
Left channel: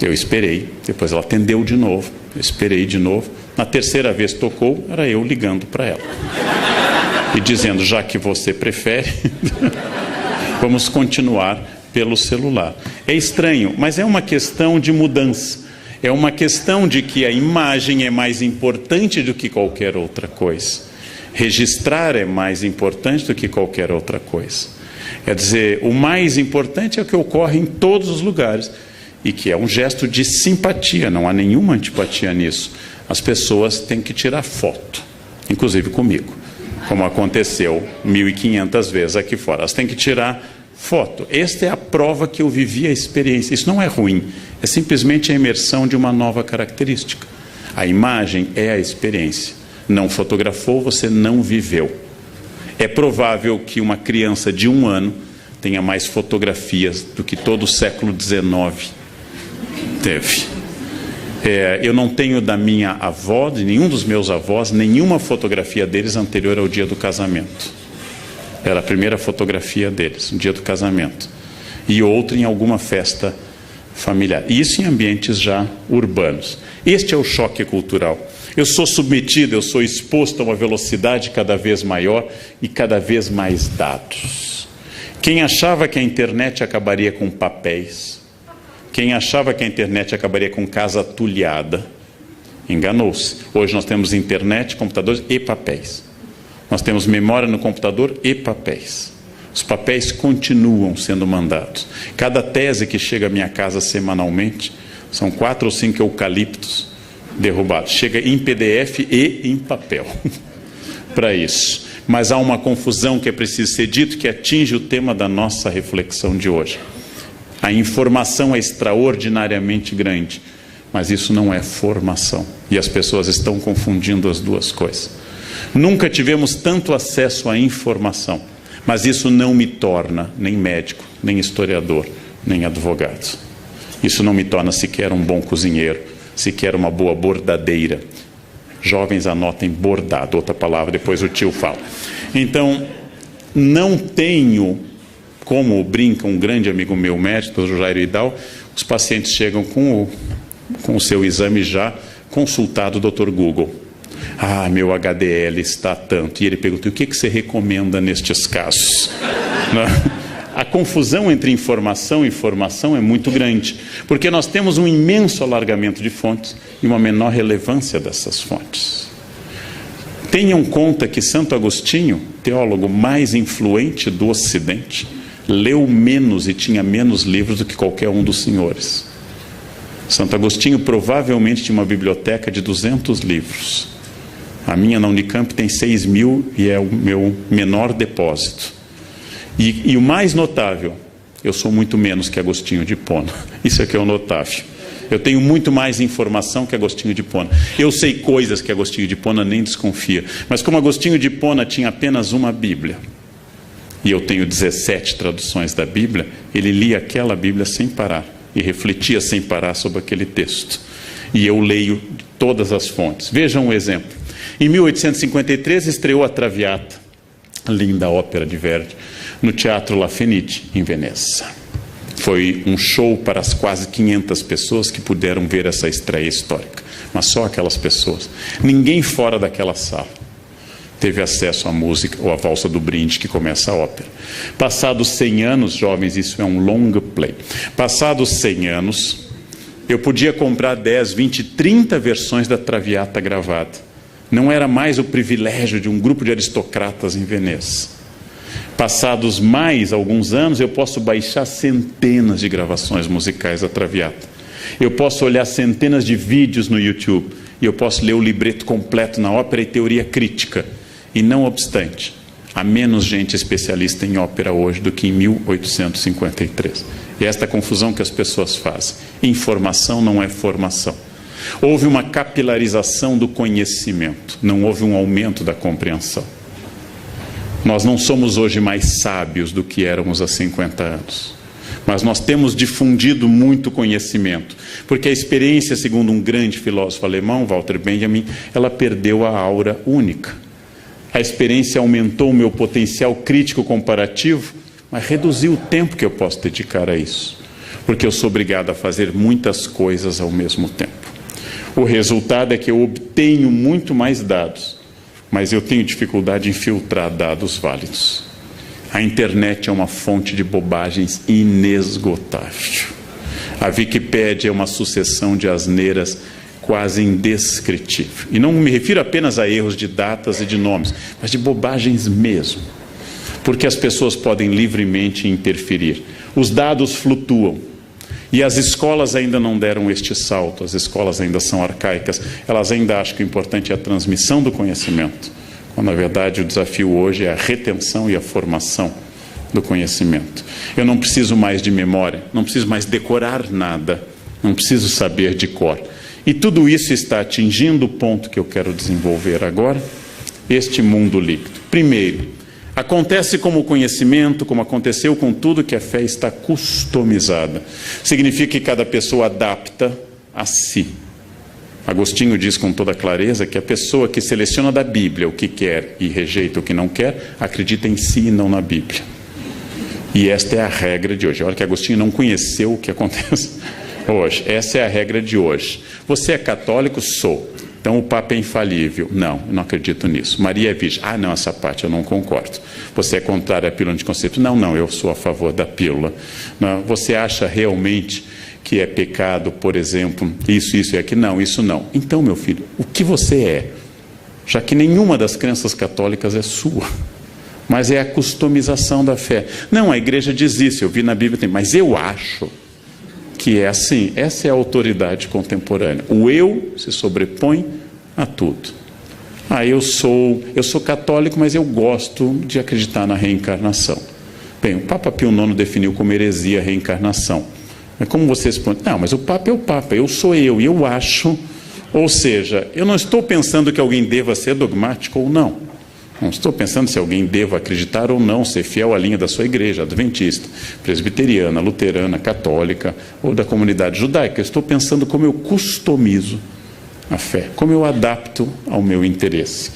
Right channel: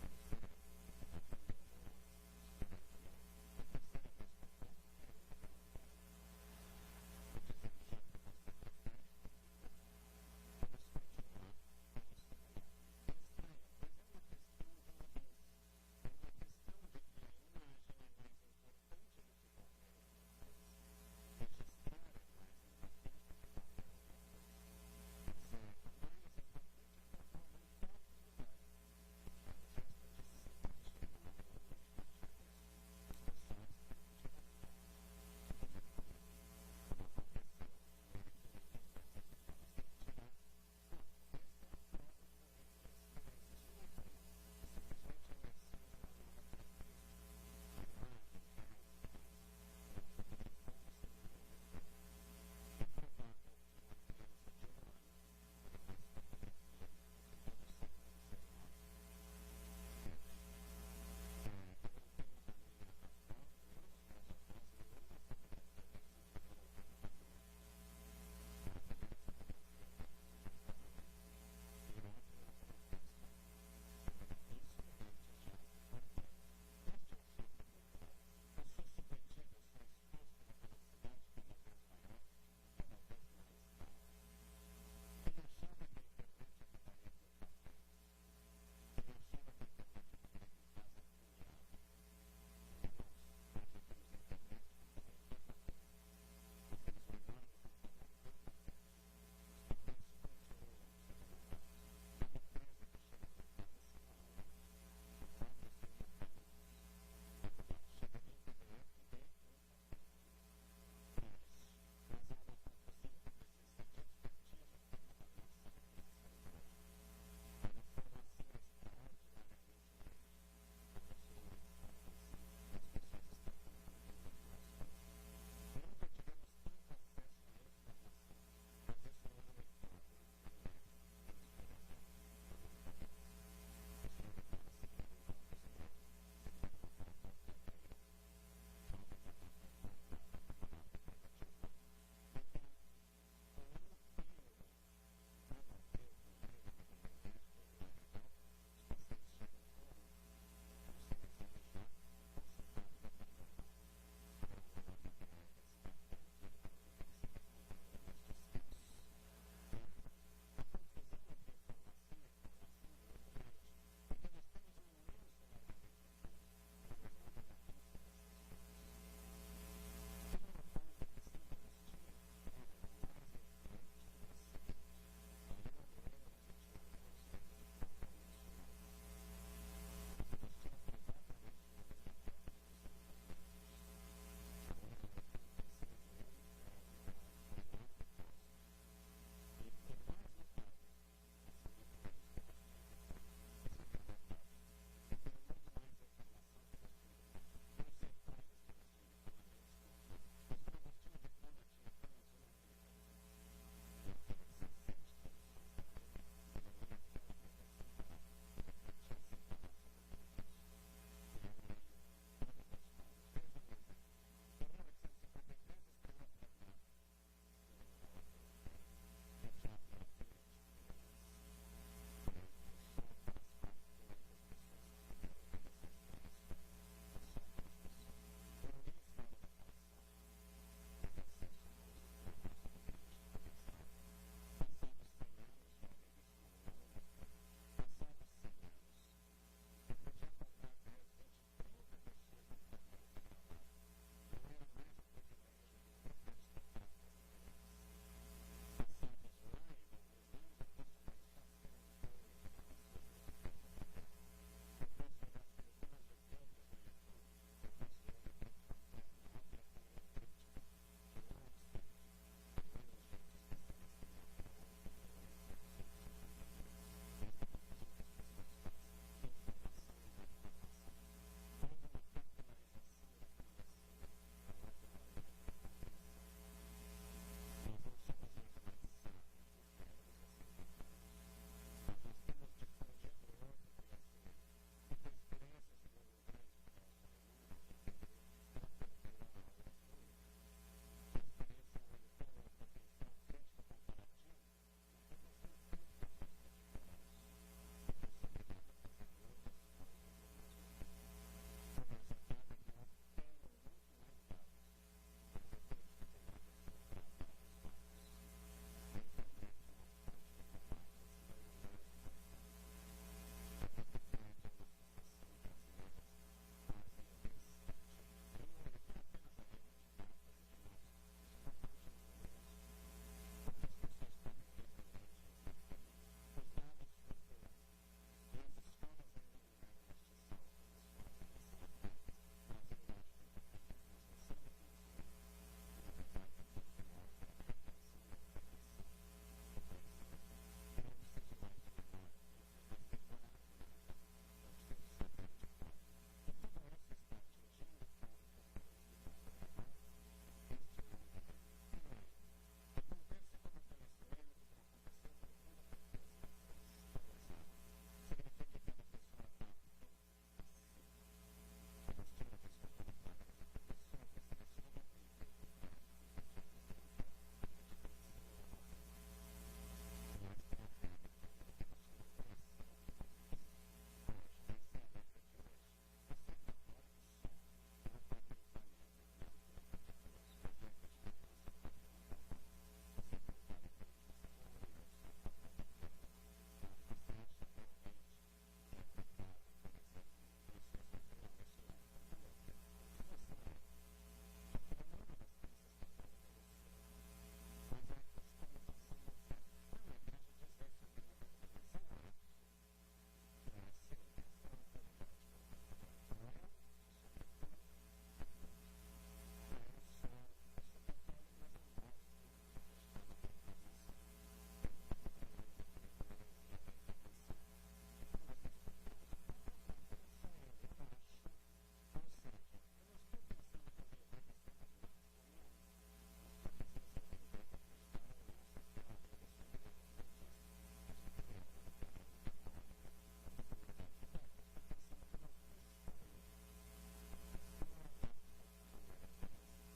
Eu esperei, depois ela atendeu de novo, eu esperei de novo. Na terceira vez tocou, era eu ligando para ela. E dizendo, já que você prefere, vamos continuar pelo celular. É estranho, mas é uma questão de mudança. É uma questão de que a imagem é mais importante do que qualquer outra coisa. Registrar é mais importante do que qualquer outra coisa. Quer dizer, o mais importante é o que ocorre em todos os lugares e que é um gesto de simpatia, não há nenhuma antipatia nisso. As pessoas têm que tirar foto, inclusive comigo, como aconteceu 1.500 vezes aqui fora. Elas têm que tirar foto. Esta é a prova que eu vivi a experiência. Isso não é ruim, é simplesmente a imersão de uma nova característica. A imagem é a experiência. Não fotografou, você não viveu. É provável que uma criança de 1 ano tenha mais fotografias do que todo o século XIX teve. Eu não tenho da minha avó, de nenhum dos meus avós, nenhuma fotografia deles anterior ao dia do casamento. Era a primeira fotografia deles, no dia do casamento. E outra em alguma festa familiar. Isso em ambientes já urbanos. Este é o choque cultural. Eu sou submetido, eu sou exposto a uma velocidade cada vez maior e cada vez mais dados. Quem achava que a internet acabaria com papéis, quem achava que a internet acabaria com casa atulhada, enganou-se. Hoje nós temos internet, computadores e papéis. Nós temos memória no computador e papéis. Os papéis continuam sendo mandados. Cada tese que chega à minha casa semanalmente, são 4 ou 5 eucaliptos derrubados. Chega em PDF e em papel para isso. Mas há uma confusão que é preciso ser dito, que atinge o tema da nossa reflexão de hoje. A informação é extraordinariamente grande, mas isso não é formação. E as pessoas estão confundindo as duas coisas. Nunca tivemos tanto acesso à informação, mas isso não me torna nem médico, nem historiador, nem advogado. Isso não me torna sequer um bom cozinheiro, sequer uma boa bordadeira. Jovens, anotem bordado, outra palavra, depois o tio fala. Então, não tenho, como brinca um grande amigo meu, médico, o Jairo Idal, os pacientes chegam com o seu exame já consultado o Dr. Google. Ah, meu HDL está tanto. E ele pergunta, o que você recomenda nestes casos? A confusão entre informação e formação é muito grande, porque nós temos um imenso alargamento de fontes e uma menor relevância dessas fontes. Tenham conta que Santo Agostinho, teólogo mais influente do Ocidente, leu menos e tinha menos livros do que qualquer um dos senhores. Santo Agostinho provavelmente tinha uma biblioteca de 200 livros. A minha na Unicamp tem 6.000 e é o meu menor depósito. E o mais notável, eu sou muito menos que Agostinho de Hipona. Isso é que é o notável. Eu tenho muito mais informação que Agostinho de Hipona. Eu sei coisas que Agostinho de Hipona nem desconfia. Mas como Agostinho de Hipona tinha apenas uma Bíblia, e eu tenho 17 traduções da Bíblia, ele lia aquela Bíblia sem parar e refletia sem parar sobre aquele texto. E eu leio todas as fontes. Vejam um exemplo. Em 1853 estreou a Traviata, linda ópera de Verdi, no Teatro La Fenice, em Veneza. Foi um show para as quase 500 pessoas que puderam ver essa estreia histórica. Mas só aquelas pessoas. Ninguém fora daquela sala teve acesso à música ou à valsa do brinde que começa a ópera. Passados 100 anos, jovens, isso é um long play. Passados 100 anos, eu podia comprar 10, 20, 30 versões da Traviata gravada. Não era mais o privilégio de um grupo de aristocratas em Veneza. Passados mais alguns anos, eu posso baixar centenas de gravações musicais da Traviata. Eu posso olhar centenas de vídeos no YouTube. E eu posso ler o libreto completo na ópera e teoria crítica. E não obstante, há menos gente especialista em ópera hoje do que em 1853. E é esta confusão que as pessoas fazem. Informação não é formação. Houve uma capilarização do conhecimento, não houve um aumento da compreensão. Nós não somos hoje mais sábios do que éramos há 50 anos. Mas nós temos difundido muito conhecimento, porque a experiência, segundo um grande filósofo alemão, Walter Benjamin, ela perdeu a aura única. A experiência aumentou o meu potencial crítico comparativo, mas reduziu o tempo que eu posso dedicar a isso, porque eu sou obrigado a fazer muitas coisas ao mesmo tempo. O resultado é que eu obtenho muito mais dados, mas eu tenho dificuldade em filtrar dados válidos. A internet é uma fonte de bobagens inesgotável. A Wikipédia é uma sucessão de asneiras quase indescritível. E não me refiro apenas a erros de datas e de nomes, mas de bobagens mesmo. Porque as pessoas podem livremente interferir. Os dados flutuam. E as escolas ainda não deram este salto, as escolas ainda são arcaicas, elas ainda acham que o importante é a transmissão do conhecimento, quando na verdade o desafio hoje é a retenção e a formação do conhecimento. Eu não preciso mais de memória, não preciso mais decorar nada, não preciso saber de cor. E tudo isso está atingindo o ponto que eu quero desenvolver agora, este mundo líquido. Primeiro, acontece como o conhecimento, como aconteceu com tudo, que a fé está customizada. Significa que cada pessoa adapta a si. Agostinho diz com toda clareza que a pessoa que seleciona da Bíblia o que quer e rejeita o que não quer, acredita em si e não na Bíblia. E esta é a regra de hoje. Olha que Agostinho não conheceu o que acontece hoje. Essa é a regra de hoje. Você é católico? Sou. Então o Papa é infalível. Não, eu não acredito nisso. Maria é virgem. Ah, não, essa parte eu não concordo. Você é contrário à pílula anticonceptiva? Não, eu sou a favor da pílula. Não, você acha realmente que é pecado, por exemplo, isso e aquilo? Não, isso não. Então, meu filho, o que você é? Já que nenhuma das crenças católicas é sua, mas é a customização da fé. Não, a igreja diz isso, eu vi na Bíblia, mas eu acho que é assim. Essa é a autoridade contemporânea. O eu se sobrepõe a tudo. Eu sou católico, mas eu gosto de acreditar na reencarnação. Bem, o Papa Pio IX definiu como heresia a reencarnação. Mas como você responde? Não, mas o Papa é o Papa, eu sou eu, e eu acho. Ou seja, eu não estou pensando que alguém deva ser dogmático ou não. Não estou pensando se alguém deva acreditar ou não, ser fiel à linha da sua igreja, adventista, presbiteriana, luterana, católica ou da comunidade judaica. Eu estou pensando como eu customizo a fé, como eu adapto ao meu interesse.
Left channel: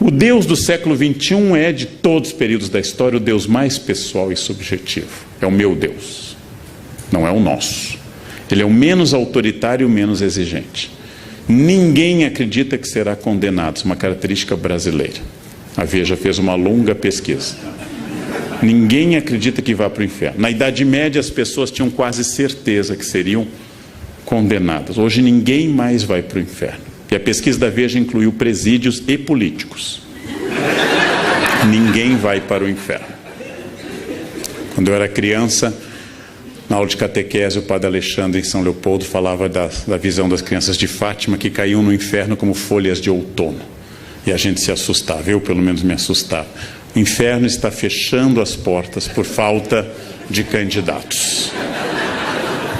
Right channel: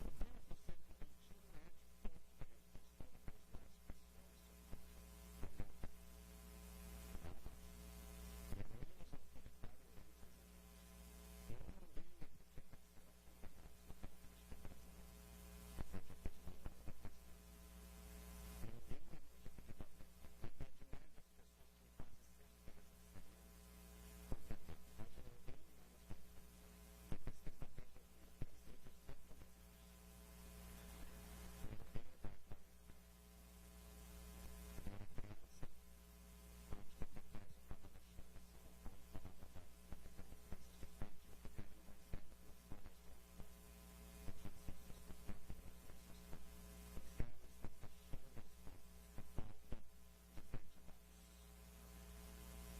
O Deus do século XXI é, de todos os períodos da história, o Deus mais pessoal e subjetivo. É o meu Deus, não é o nosso. Ele é o menos autoritário e o menos exigente. Ninguém acredita que será condenado, isso é uma característica brasileira. A Veja fez uma longa pesquisa. Ninguém acredita que vá para o inferno. Na Idade Média, as pessoas tinham quase certeza que seriam condenadas. Hoje, ninguém mais vai para o inferno. E a pesquisa da Veja incluiu presídios e políticos. Ninguém vai para o inferno. Quando eu era criança, na aula de catequese, o padre Alexandre, em São Leopoldo, falava da visão das crianças de Fátima que caíam no inferno como folhas de outono. E a gente se assustava, eu pelo menos me assustava. O inferno está fechando as portas por falta de candidatos.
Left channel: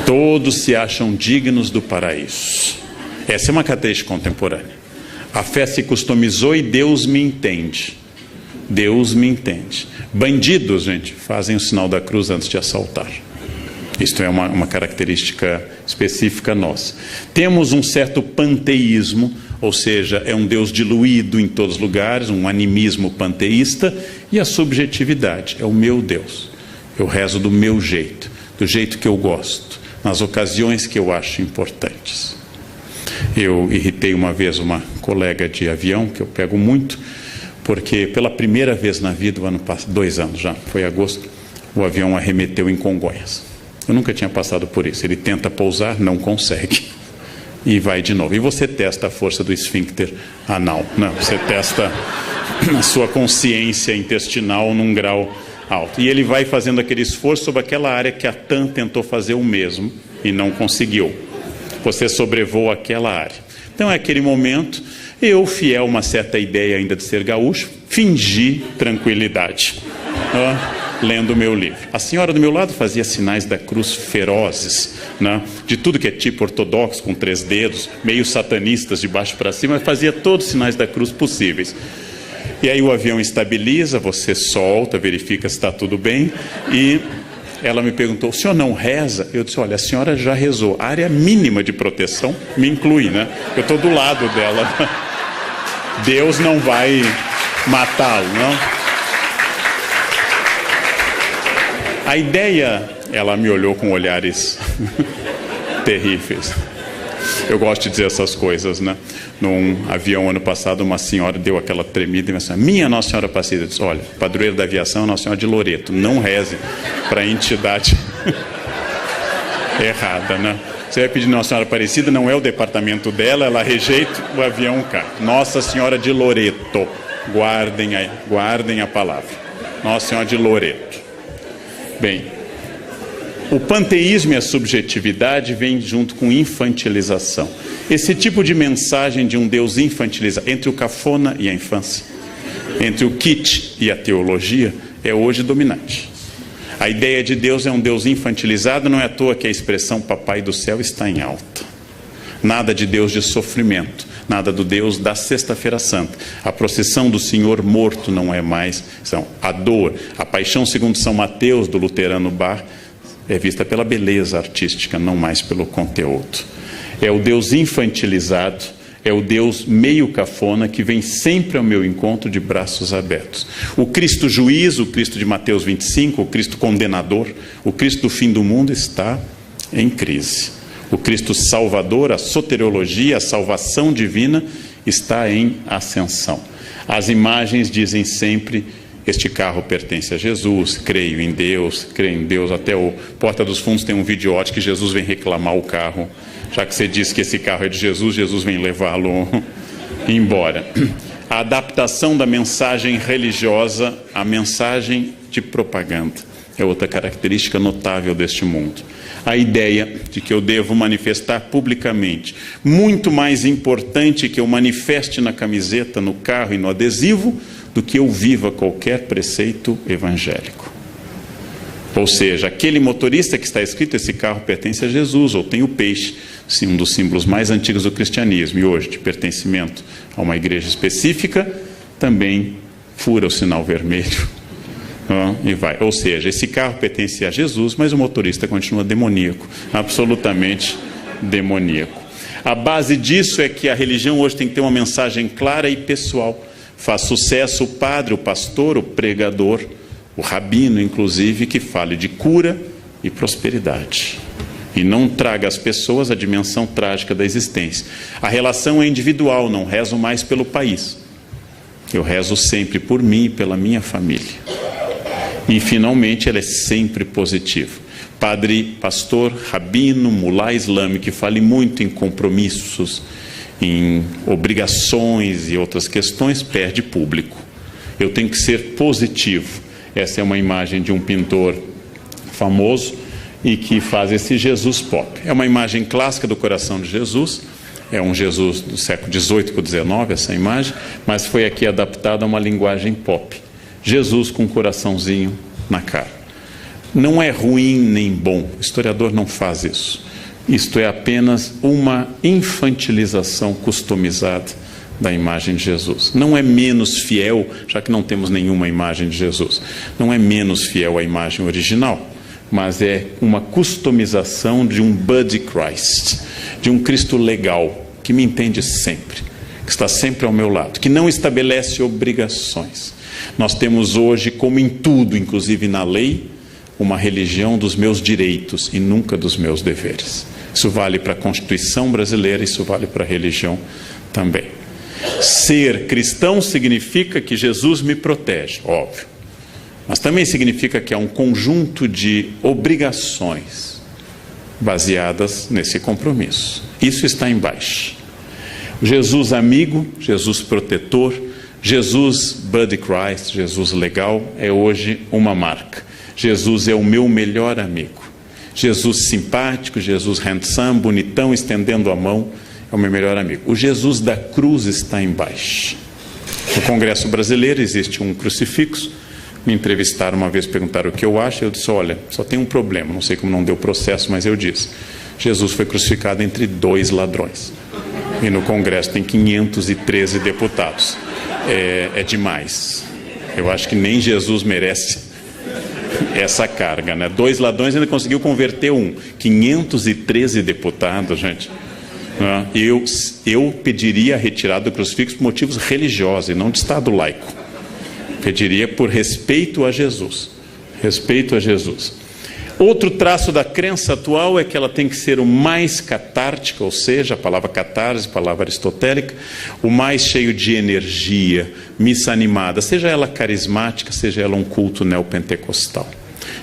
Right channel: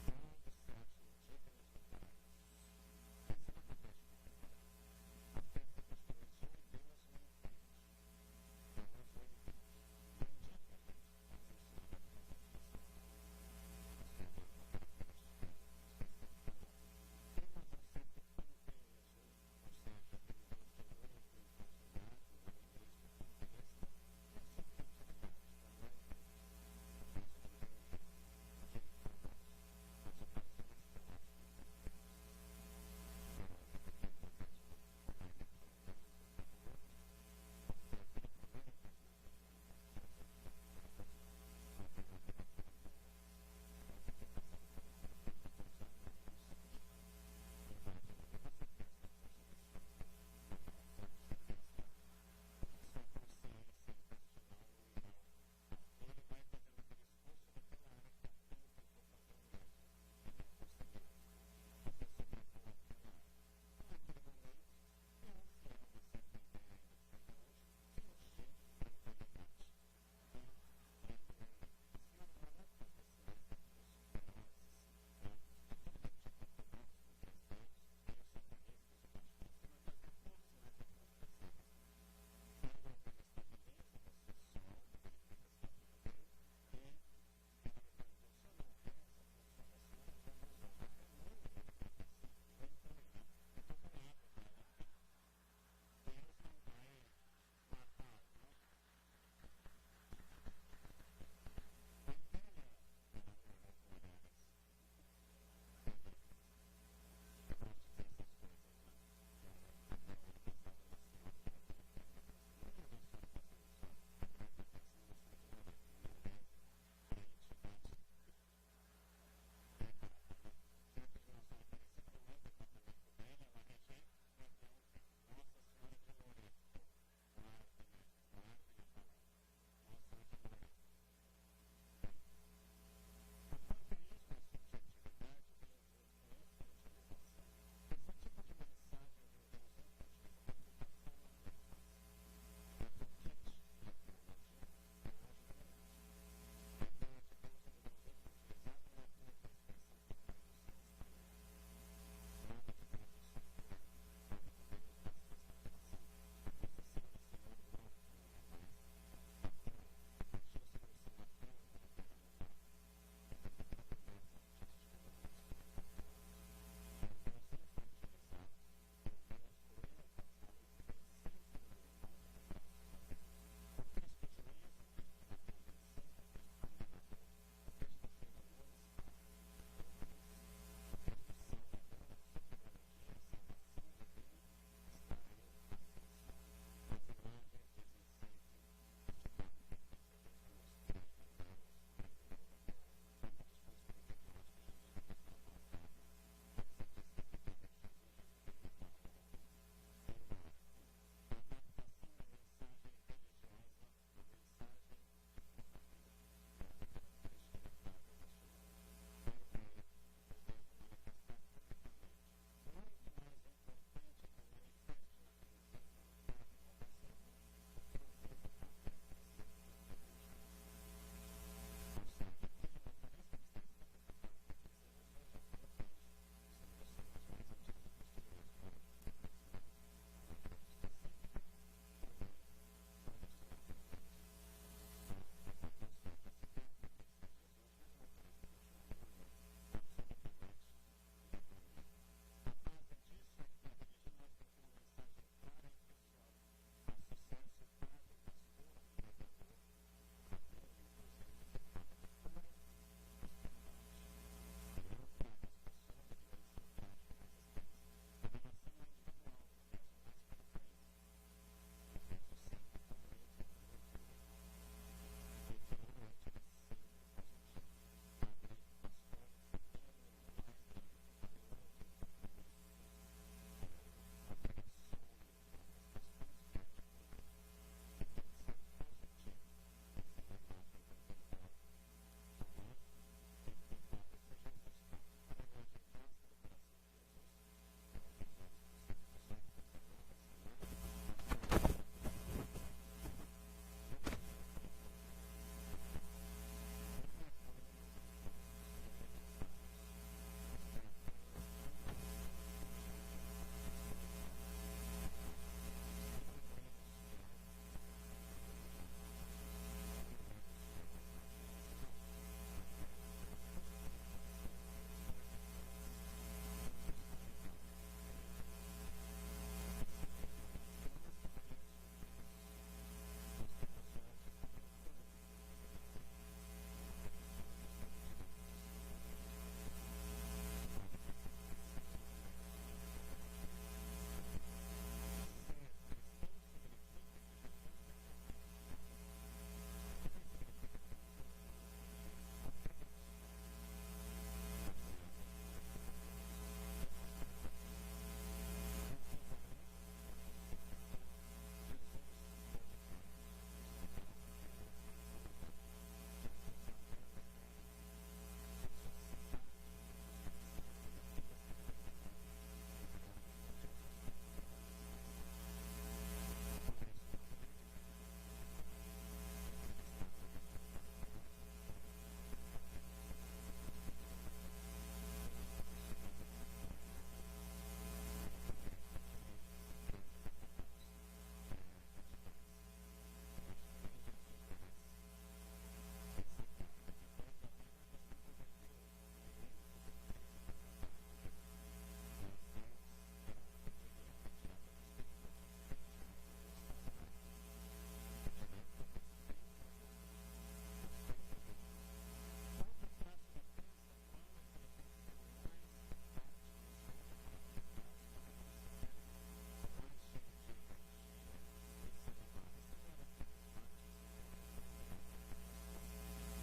Todos se acham dignos do paraíso. Essa é uma característica contemporânea. A fé se customizou e Deus me entende. Deus me entende. Bandidos, gente, fazem o sinal da cruz antes de assaltar. Isto é uma característica específica nossa. Temos um certo panteísmo, ou seja, é um Deus diluído em todos os lugares, um animismo panteísta, e a subjetividade, é o meu Deus. Eu rezo do meu jeito, do jeito que eu gosto, nas ocasiões que eu acho importantes. Eu irritei uma vez uma colega de avião, que eu pego muito, porque pela primeira vez na vida, 2 anos já, foi em agosto, o avião arremeteu em Congonhas. Eu nunca tinha passado por isso. Ele tenta pousar, não consegue. E vai de novo. E você testa a força do esfíncter anal. Não, você testa a sua consciência intestinal num grau alto. E ele vai fazendo aquele esforço sobre aquela área que a TAM tentou fazer o mesmo e não conseguiu. Você sobrevoa aquela área. Então, é aquele momento, eu, fiel a uma certa ideia ainda de ser gaúcho, fingi tranquilidade. Lendo o meu livro. A senhora do meu lado fazia sinais da cruz ferozes, né? De tudo que é tipo ortodoxo, com 3 dedos, meio satanistas de baixo para cima, mas fazia todos os sinais da cruz possíveis. E aí o avião estabiliza, você solta, verifica se está tudo bem, e ela me perguntou, o senhor não reza? Eu disse, olha, a senhora já rezou. A área mínima de proteção me inclui, né? Eu estou do lado dela. Deus não vai matá-lo, não? A ideia, ela me olhou com olhares terríveis. Eu gosto de dizer essas coisas, né? Num avião, ano passado, uma senhora deu aquela tremida e me disse, minha Nossa Senhora Aparecida. Eu disse, olha, padroeira da aviação é Nossa Senhora de Loreto. Não reze para a entidade errada, né? Você vai pedir Nossa Senhora Aparecida, não é o departamento dela, ela rejeita, o avião cai. Nossa Senhora de Loreto. Guardem a palavra. Nossa Senhora de Loreto. Bem, o panteísmo e a subjetividade vêm junto com infantilização. Esse tipo de mensagem de um Deus infantilizado, entre o cafona e a infância, entre o kitsch e a teologia, é hoje dominante. A ideia de Deus é um Deus infantilizado, não é à toa que a expressão Papai do Céu está em alta. Nada de Deus de sofrimento, nada do Deus da Sexta-feira Santa. A procissão do Senhor morto não é mais, a dor, a paixão segundo São Mateus, do luterano Bach, é vista pela beleza artística, não mais pelo conteúdo. É o Deus infantilizado, é o Deus meio cafona que vem sempre ao meu encontro de braços abertos. O Cristo juiz, o Cristo de Mateus 25, o Cristo condenador, o Cristo do fim do mundo está em crise. O Cristo Salvador, a soteriologia, a salvação divina está em ascensão. As imagens dizem sempre: este carro pertence a Jesus, creio em Deus, até o Porta dos Fundos tem um videote que Jesus vem reclamar o carro, já que você disse que esse carro é de Jesus, Jesus vem levá-lo embora. A adaptação da mensagem religiosa à mensagem de propaganda é outra característica notável deste mundo. A ideia de que eu devo manifestar publicamente, muito mais importante que eu manifeste na camiseta, no carro e no adesivo, do que eu viva qualquer preceito evangélico. Ou seja, aquele motorista que está escrito, esse carro pertence a Jesus, ou tem o peixe, um dos símbolos mais antigos do cristianismo, e hoje de pertencimento a uma igreja específica, também fura o sinal vermelho e vai. Ou seja, esse carro pertence a Jesus, mas o motorista continua demoníaco, absolutamente demoníaco. A base disso é que a religião hoje tem que ter uma mensagem clara e pessoal. Faz sucesso o padre, o pastor, o pregador, o rabino, inclusive, que fale de cura e prosperidade. E não traga às pessoas a dimensão trágica da existência. A relação é individual, não rezo mais pelo país. Eu rezo sempre por mim e pela minha família. E, finalmente, ela é sempre positiva. Padre, pastor, rabino, mulá islâmico, que fale muito em compromissos, em obrigações e outras questões, perde público. Eu tenho que ser positivo. Essa é uma imagem de um pintor famoso e que faz esse Jesus pop. É uma imagem clássica do coração de Jesus, é um Jesus do século XVIII para o XIX, essa imagem, mas foi aqui adaptada a uma linguagem pop. Jesus com um coraçãozinho na cara. Não é ruim nem bom, o historiador não faz isso. Isto é apenas uma infantilização customizada da imagem de Jesus. Não é menos fiel, já que não temos nenhuma imagem de Jesus. Não é menos fiel à imagem original, mas é uma customização de um Buddy Christ, de um Cristo legal, que me entende sempre, que está sempre ao meu lado, que não estabelece obrigações. Nós temos hoje, como em tudo, inclusive na lei, uma religião dos meus direitos e nunca dos meus deveres. Isso vale para a Constituição brasileira, isso vale para a religião também. Ser cristão significa que Jesus me protege, óbvio. Mas também significa que há um conjunto de obrigações baseadas nesse compromisso. Isso está embaixo. Jesus amigo, Jesus protetor, Jesus Buddy Christ, Jesus legal, é hoje uma marca. Jesus é o meu melhor amigo. Jesus simpático, Jesus handsome, bonitão, estendendo a mão, é o meu melhor amigo. O Jesus da cruz está embaixo. No Congresso Brasileiro existe um crucifixo. Me entrevistaram uma vez, perguntaram o que eu acho. Eu disse: olha, só tem um problema, não sei como não deu processo, mas eu disse: Jesus foi crucificado entre 2 ladrões. E no Congresso tem 513 deputados. É demais. Eu acho que nem Jesus merece essa carga, né? 2 ladrões ainda conseguiu converter um. 513 deputados, gente. Eu pediria a retirada do crucifixo por motivos religiosos e não de Estado laico. Pediria por respeito a Jesus. Respeito a Jesus. Outro traço da crença atual é que ela tem que ser o mais catártica, ou seja, a palavra catarse, palavra aristotélica, o mais cheio de energia, missa animada, seja ela carismática, seja ela um culto neopentecostal.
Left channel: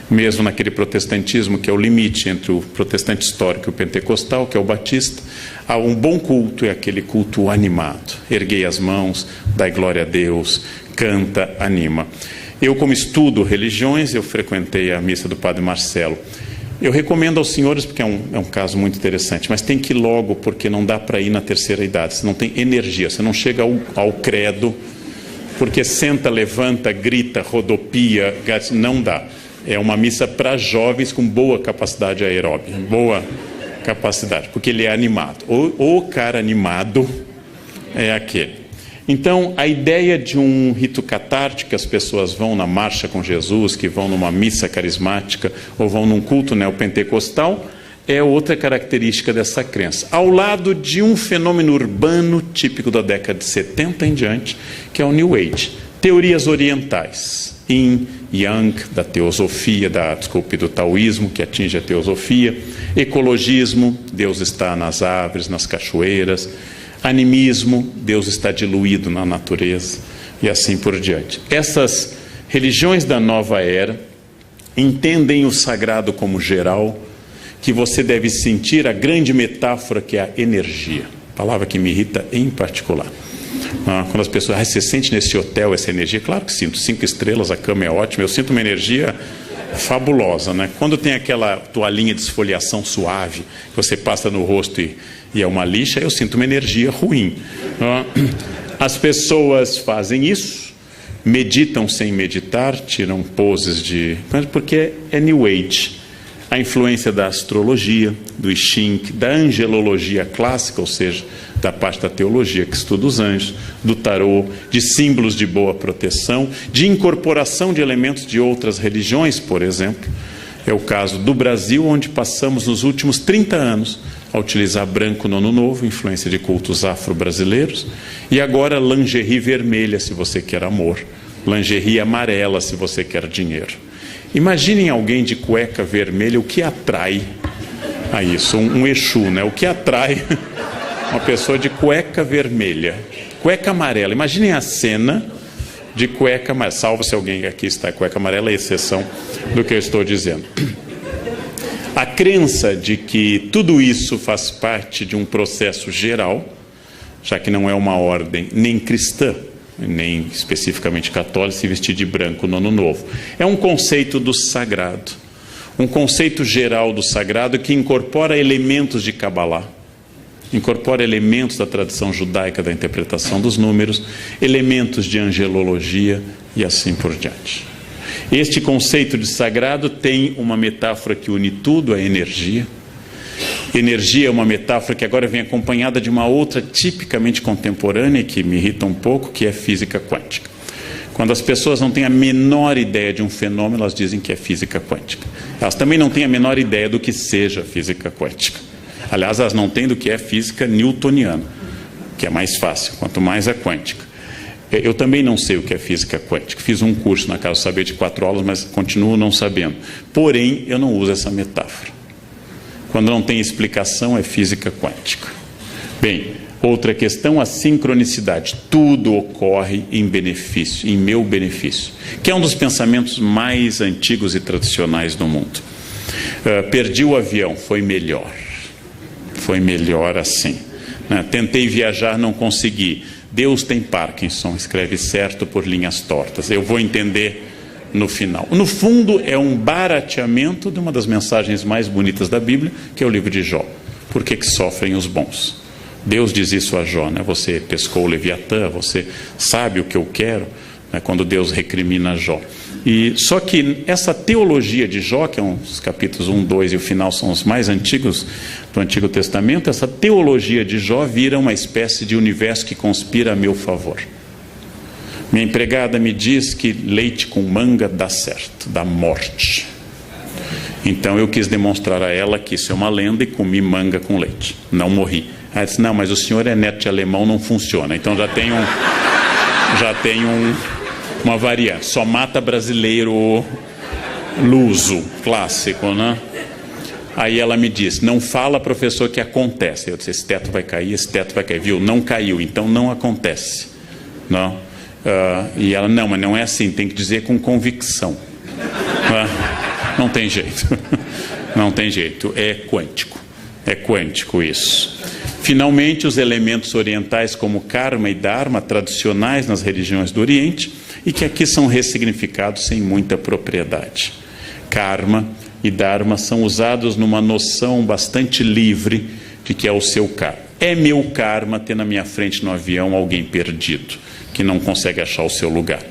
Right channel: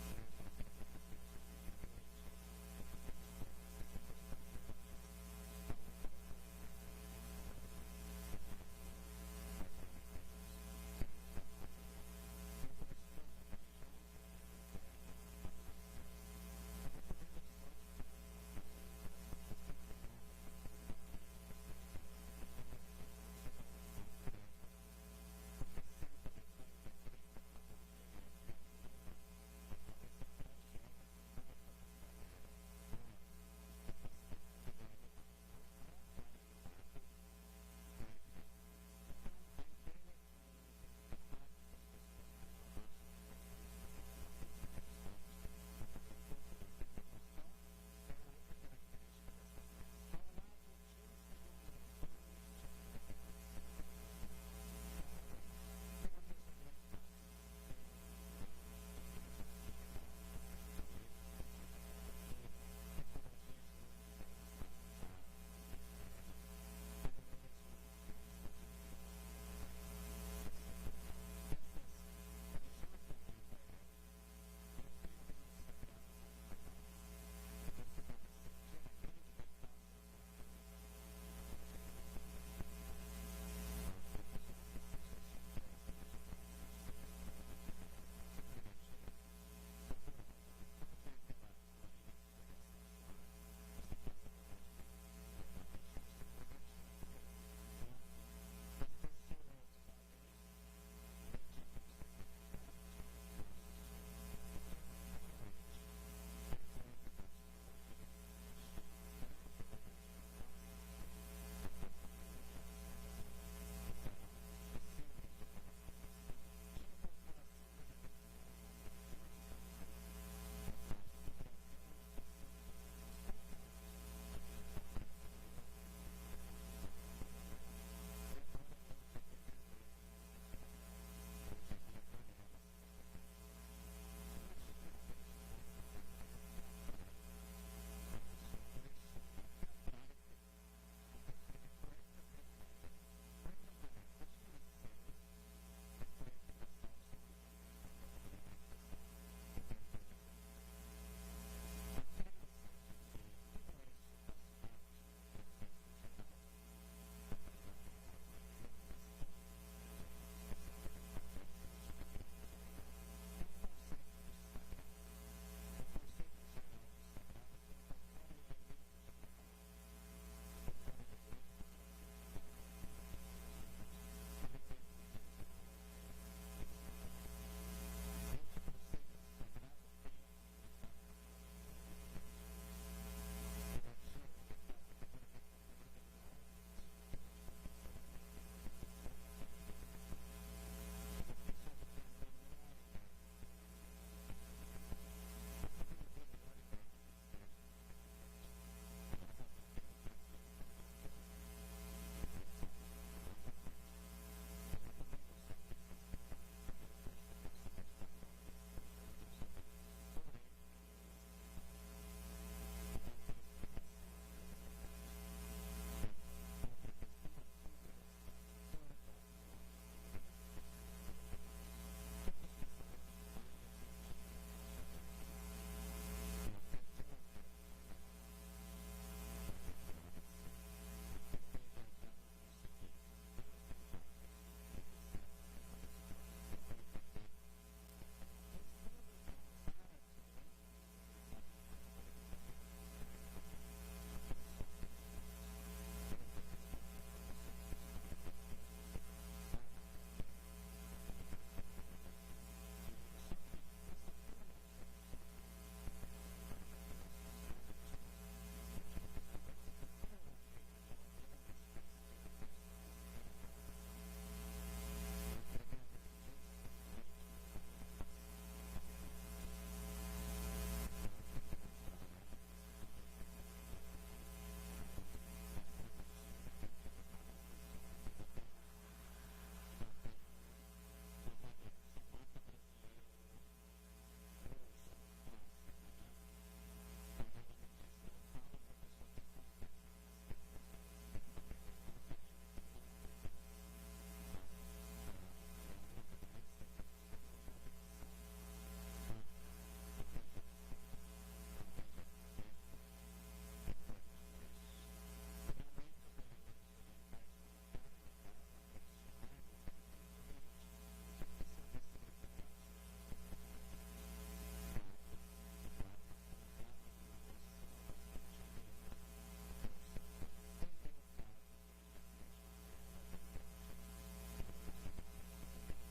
Mesmo naquele protestantismo que é o limite entre o protestante histórico e o pentecostal, que é o batista, há um bom culto, é aquele culto animado. Erguei as mãos, dai glória a Deus, canta, anima. Eu, como estudo religiões, eu frequentei a missa do Padre Marcelo. Eu recomendo aos senhores, porque é um caso muito interessante, mas tem que ir logo, porque não dá para ir na terceira idade. Você não tem energia, você não chega ao credo, porque senta, levanta, grita, rodopia, não dá. É uma missa para jovens com boa capacidade aeróbica, boa capacidade, porque ele é animado. O cara animado é aquele. Então, a ideia de um rito catártico, que as pessoas vão na marcha com Jesus, que vão numa missa carismática ou vão num culto neopentecostal, é outra característica dessa crença. Ao lado de um fenômeno urbano típico da década de 70 em diante, que é o New Age. Teorias orientais, Yin, Yang, da teosofia, do taoísmo, que atinge a teosofia, Ecologismo, Deus está nas árvores, nas cachoeiras. Animismo, Deus está diluído na natureza, e assim por diante. Essas religiões da nova era entendem o sagrado como geral, que você deve sentir a grande metáfora que é a energia, palavra que me irrita em particular. Quando as pessoas, você sente nesse hotel essa energia? Claro que sinto, 5 estrelas, a cama é ótima, eu sinto uma energia fabulosa, né? Quando tem aquela toalhinha de esfoliação suave, que você passa no rosto e é uma lixa, eu sinto uma energia ruim. As pessoas fazem isso, meditam sem meditar, tiram poses porque é New Age. A influência da astrologia, do I Ching, da angelologia clássica, ou seja, da parte da teologia que estuda os anjos, do tarô, de símbolos de boa proteção, de incorporação de elementos de outras religiões, por exemplo. É o caso do Brasil, onde passamos nos últimos 30 anos a utilizar branco no Ano Novo, influência de cultos afro-brasileiros, e agora lingerie vermelha, se você quer amor, lingerie amarela, se você quer dinheiro. Imaginem alguém de cueca vermelha, o que atrai a isso? Um Exu, né? O que atrai uma pessoa de cueca vermelha? Cueca amarela. Imaginem a cena de cueca amarela. Salvo se alguém aqui está com cueca amarela, é exceção do que eu estou dizendo. A crença de que tudo isso faz parte de um processo geral, já que não é uma ordem nem cristã, nem especificamente católica, se vestir de branco no Ano Novo. É um conceito do sagrado, um conceito geral do sagrado que incorpora elementos de Kabbalah, incorpora elementos da tradição judaica da interpretação dos números, elementos de angelologia e assim por diante. Este conceito de sagrado tem uma metáfora que une tudo, a energia. Energia é uma metáfora que agora vem acompanhada de uma outra tipicamente contemporânea, que me irrita um pouco, que é física quântica. Quando as pessoas não têm a menor ideia de um fenômeno, elas dizem que é física quântica. Elas também não têm a menor ideia do que seja física quântica. Aliás, elas não têm do que é física newtoniana, que é mais fácil, quanto mais a quântica. Eu também não sei o que é física quântica. Fiz um curso na Casa do Saber de 4 aulas, mas continuo não sabendo. Porém, eu não uso essa metáfora. Quando não tem explicação, é física quântica. Bem, outra questão, a sincronicidade. Tudo ocorre em benefício, em meu benefício, que é um dos pensamentos mais antigos e tradicionais do mundo. Perdi o avião, foi melhor. Foi melhor assim. Tentei viajar, não consegui. Deus tem Parkinson, escreve certo por linhas tortas. Eu vou entender no final. No fundo, é um barateamento de uma das mensagens mais bonitas da Bíblia, que é o livro de Jó. Por que sofrem os bons? Deus diz isso a Jó, né? Você pescou o Leviatã, você sabe o que eu quero, né? Quando Deus recrimina Jó. Só que essa teologia de Jó, que é os capítulos 1, 2 e o final são os mais antigos do Antigo Testamento, essa teologia de Jó vira uma espécie de universo que conspira a meu favor. Minha empregada me diz que leite com manga dá certo, dá morte. Então eu quis demonstrar a ela que isso é uma lenda e comi manga com leite. Não morri. Ela disse, não, mas o senhor é neto de alemão, não funciona. Então já tem uma variante. Só mata brasileiro luso, clássico, né? Aí ela me disse, não fala, professor, que acontece. Eu disse, esse teto vai cair, viu? Não caiu, então não acontece. Não. E ela, não, mas não é assim, tem que dizer com convicção. Não tem jeito. Não tem jeito, é quântico isso. Finalmente, os elementos orientais como karma e dharma, tradicionais nas religiões do Oriente, e que aqui são ressignificados sem muita propriedade. Karma e dharma são usados numa noção bastante livre de que é o seu karma. É meu karma ter na minha frente no avião alguém perdido, que não consegue achar o seu lugar,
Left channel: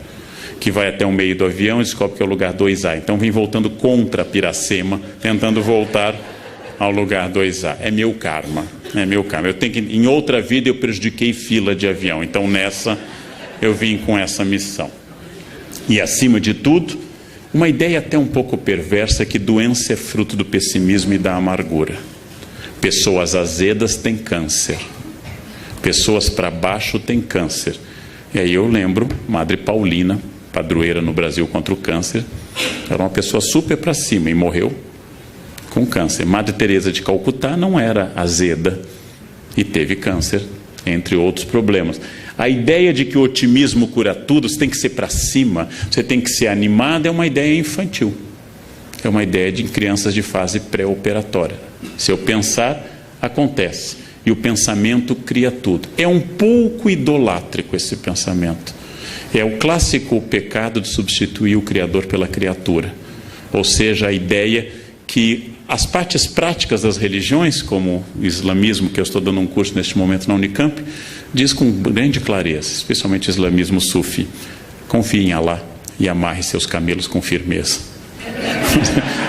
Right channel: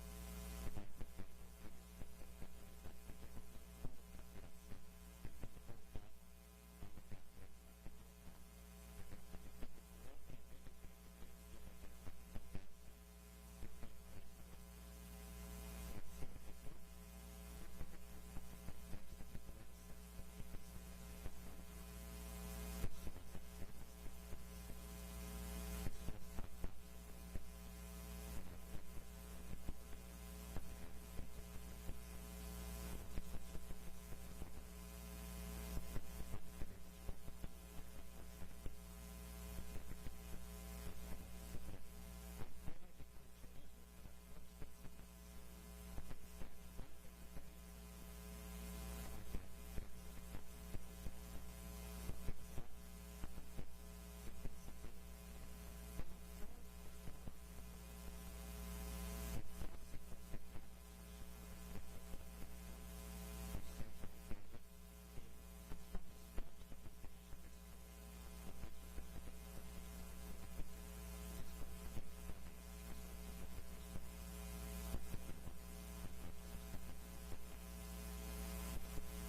que vai até o meio do avião e descobre que é o lugar 2A. Então vem voltando contra Piracema, tentando voltar ao lugar 2A. É meu karma, é meu karma. Eu tenho que, em outra vida eu prejudiquei fila de avião, então nessa eu vim com essa missão. E acima de tudo, uma ideia até um pouco perversa, que doença é fruto do pessimismo e da amargura. Pessoas azedas têm câncer, pessoas para baixo têm câncer. E aí eu lembro, Madre Paulina, padroeira no Brasil contra o câncer, era uma pessoa super para cima e morreu com câncer. Madre Teresa de Calcutá não era azeda e teve câncer, entre outros problemas. A ideia de que o otimismo cura tudo, você tem que ser para cima, você tem que ser animado, é uma ideia infantil. É uma ideia de crianças de fase pré-operatória. Se eu pensar, acontece. E o pensamento cria tudo. É um pouco idolátrico esse pensamento. É o clássico pecado de substituir o Criador pela criatura. Ou seja, a ideia que as partes práticas das religiões, como o islamismo, que eu estou dando um curso neste momento na Unicamp, diz com grande clareza, especialmente o islamismo sufi: confie em Allah e amarre seus camelos com firmeza.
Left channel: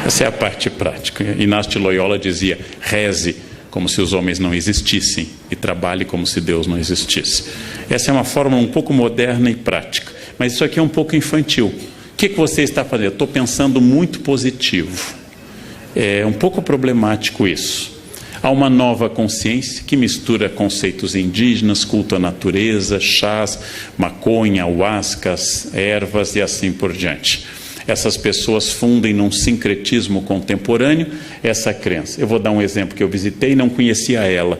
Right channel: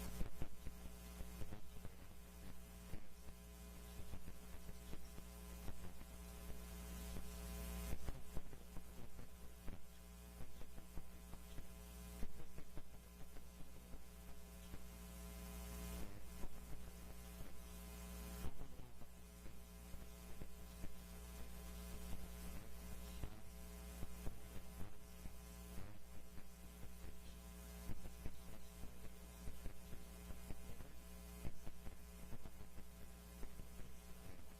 Essa é a parte prática. Inácio de Loyola dizia: reze como se os homens não existissem e trabalhe como se Deus não existisse. Essa é uma forma um pouco moderna e prática, mas isso aqui é um pouco infantil. O que você está fazendo? Eu estou pensando muito positivo. É um pouco problemático isso. Há uma nova consciência que mistura conceitos indígenas, culto à natureza, chás, maconha, ayahuascas, ervas e assim por diante. Essas pessoas fundem num sincretismo contemporâneo essa crença. Eu vou dar um exemplo que eu visitei e não conhecia ela.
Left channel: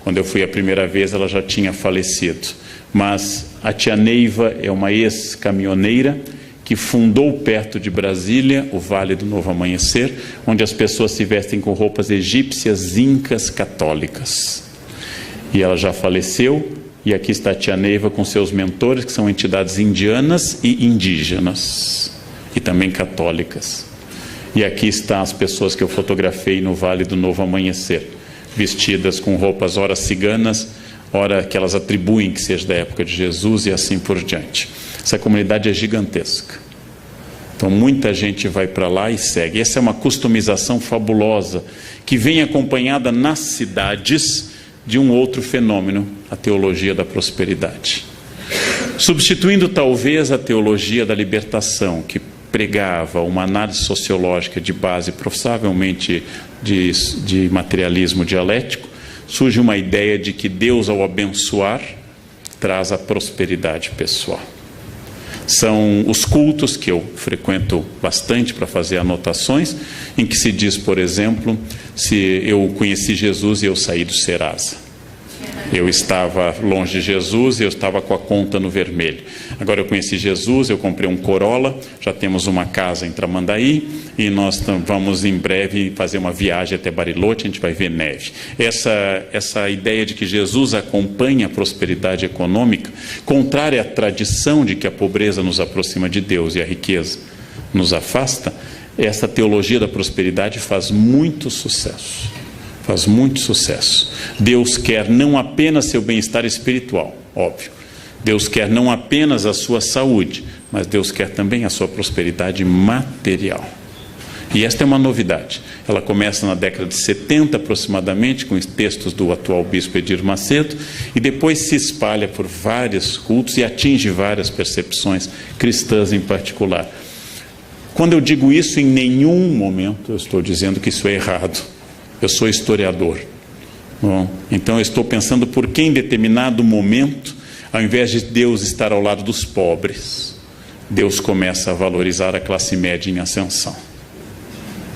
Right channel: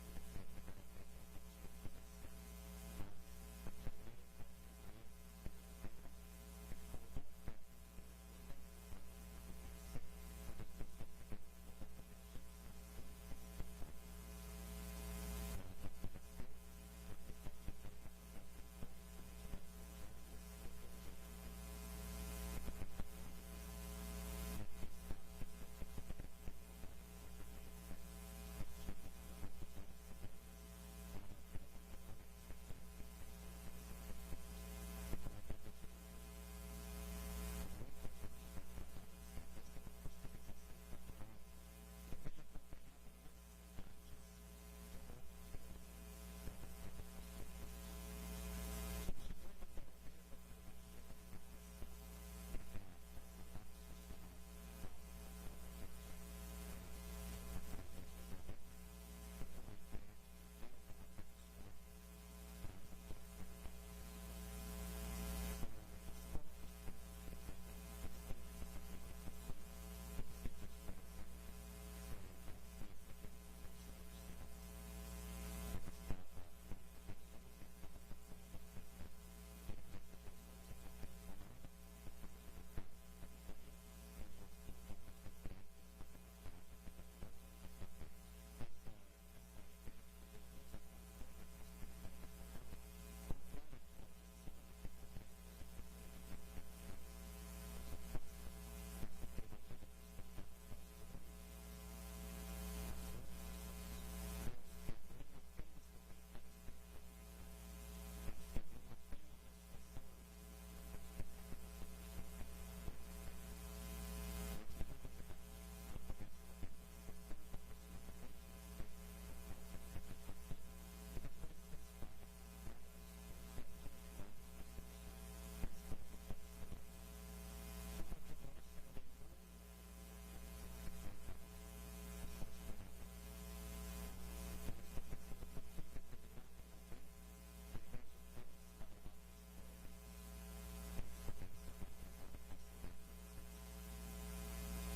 Quando eu fui a primeira vez, ela já tinha falecido. Mas a tia Neiva é uma ex-caminhoneira que fundou perto de Brasília o Vale do Novo Amanhecer, onde as pessoas se vestem com roupas egípcias, incas, católicas. E ela já faleceu, e aqui está a tia Neiva com seus mentores, que são entidades indianas e indígenas, e também católicas. E aqui estão as pessoas que eu fotografei no Vale do Novo Amanhecer, vestidas com roupas ora ciganas, ora que elas atribuem que seja da época de Jesus e assim por diante. Essa comunidade é gigantesca. Então muita gente vai para lá e segue. Essa é uma customização fabulosa que vem acompanhada nas cidades de um outro fenômeno, a teologia da prosperidade. Substituindo talvez a teologia da libertação, que pregava uma análise sociológica de base provavelmente de materialismo dialético, surge uma ideia de que Deus, ao abençoar, traz a prosperidade pessoal. São os cultos que eu frequento bastante para fazer anotações, em que se diz, por exemplo, se eu conheci Jesus e eu saí do Serasa. Eu estava longe de Jesus e eu estava com a conta no vermelho. Agora eu conheci Jesus, eu comprei um Corolla, já temos uma casa em Tramandaí e nós vamos em breve fazer uma viagem até Bariloche, a gente vai ver neve. Essa ideia de que Jesus acompanha a prosperidade econômica, contrária à tradição de que a pobreza nos aproxima de Deus e a riqueza nos afasta, essa teologia da prosperidade faz muito sucesso. Faz muito sucesso. Deus quer não apenas seu bem-estar espiritual, óbvio. Deus quer não apenas a sua saúde, mas Deus quer também a sua prosperidade material. E esta é uma novidade. Ela começa na década de 70 aproximadamente, com os textos do atual bispo Edir Macedo, e depois se espalha por vários cultos e atinge várias percepções cristãs em particular. Quando eu digo isso, em nenhum momento eu estou dizendo que isso é errado. Eu sou historiador. Bom, então eu estou pensando por que em determinado momento, ao invés de Deus estar ao lado dos pobres, Deus começa a valorizar a classe média em ascensão.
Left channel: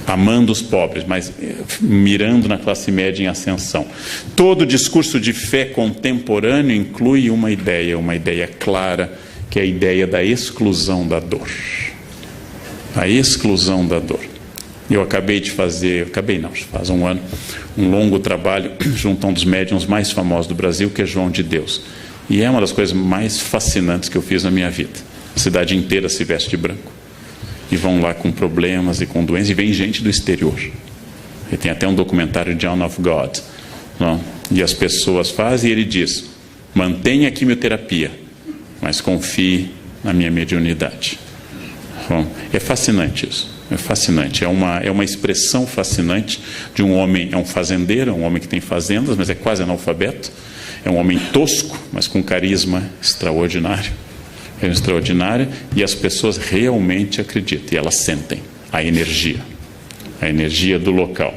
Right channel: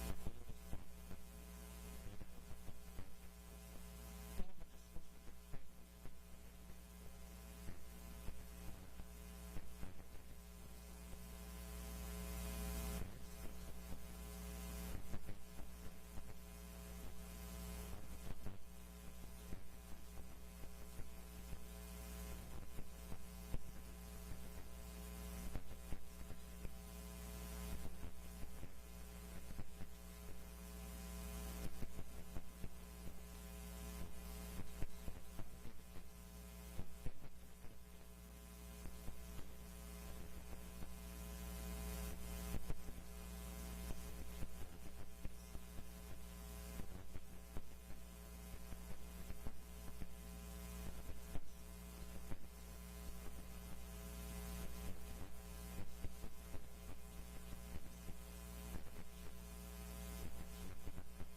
Amando os pobres, mas mirando na classe média em ascensão. Todo discurso de fé contemporâneo inclui uma ideia clara, que é a ideia da exclusão da dor. A exclusão da dor. Eu acabei de fazer, faz um ano, um longo trabalho junto a um dos médiuns mais famosos do Brasil, que é João de Deus. E é uma das coisas mais fascinantes que eu fiz na minha vida. A cidade inteira se veste de branco. E vão lá com problemas e com doenças, e vem gente do exterior. E tem até um documentário, John of God. Não? E as pessoas fazem, e ele diz: mantenha a quimioterapia, mas confie na minha mediunidade. Bom, é fascinante isso. É fascinante, é uma expressão fascinante de um homem, é um fazendeiro, é um homem que tem fazendas, mas é quase analfabeto, é um homem tosco, mas com carisma extraordinário, e as pessoas realmente acreditam, e elas sentem a energia do local.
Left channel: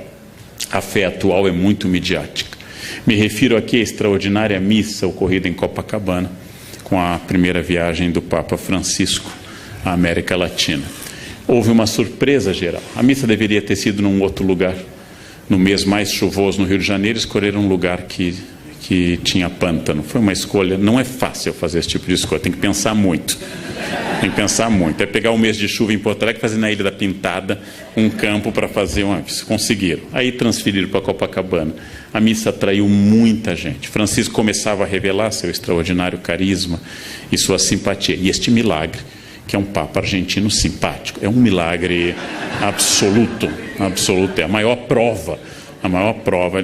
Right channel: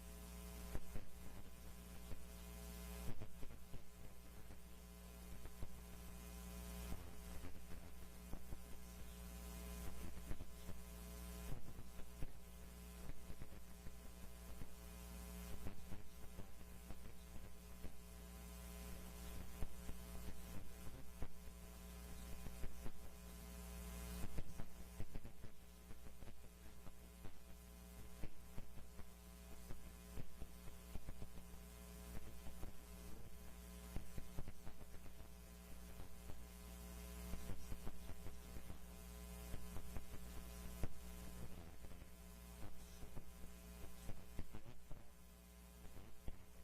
A fé atual é muito midiática. Me refiro aqui à extraordinária missa ocorrida em Copacabana, com a primeira viagem do Papa Francisco à América Latina. houve uma surpresa geral. A missa deveria ter sido num outro lugar. No mês mais chuvoso no Rio de Janeiro, escolheram um lugar que tinha pântano. Foi uma escolha, não é fácil fazer esse tipo de escolha, tem que pensar muito. Tem que pensar muito. É pegar o mês de chuva em Porto Alegre e fazer na Ilha da Pintada um campo para fazer uma... Conseguiram. Aí transferiram para Copacabana. A missa atraiu muita gente. Francisco começava a revelar seu extraordinário carisma e sua simpatia. E este milagre, que é um Papa argentino simpático, é um milagre absoluto, absoluto. É a maior prova. A maior prova,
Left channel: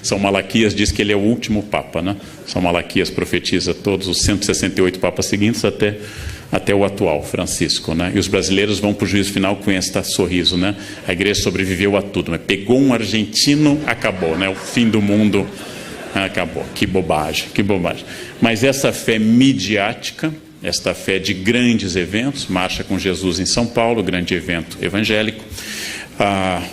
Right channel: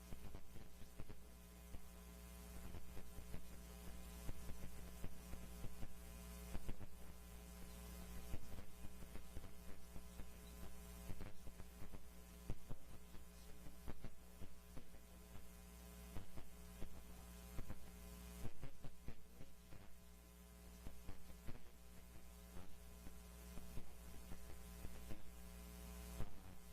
São Malaquias diz que ele é o último Papa, né? São Malaquias profetiza todos os 168 Papas seguintes até o atual, Francisco, né? E os brasileiros vão para o juízo final com este sorriso, né? A igreja sobreviveu a tudo, mas pegou um argentino, acabou, né? O fim do mundo acabou. Que bobagem, que bobagem. Mas essa fé midiática, esta fé de grandes eventos, Marcha com Jesus em São Paulo, grande evento evangélico,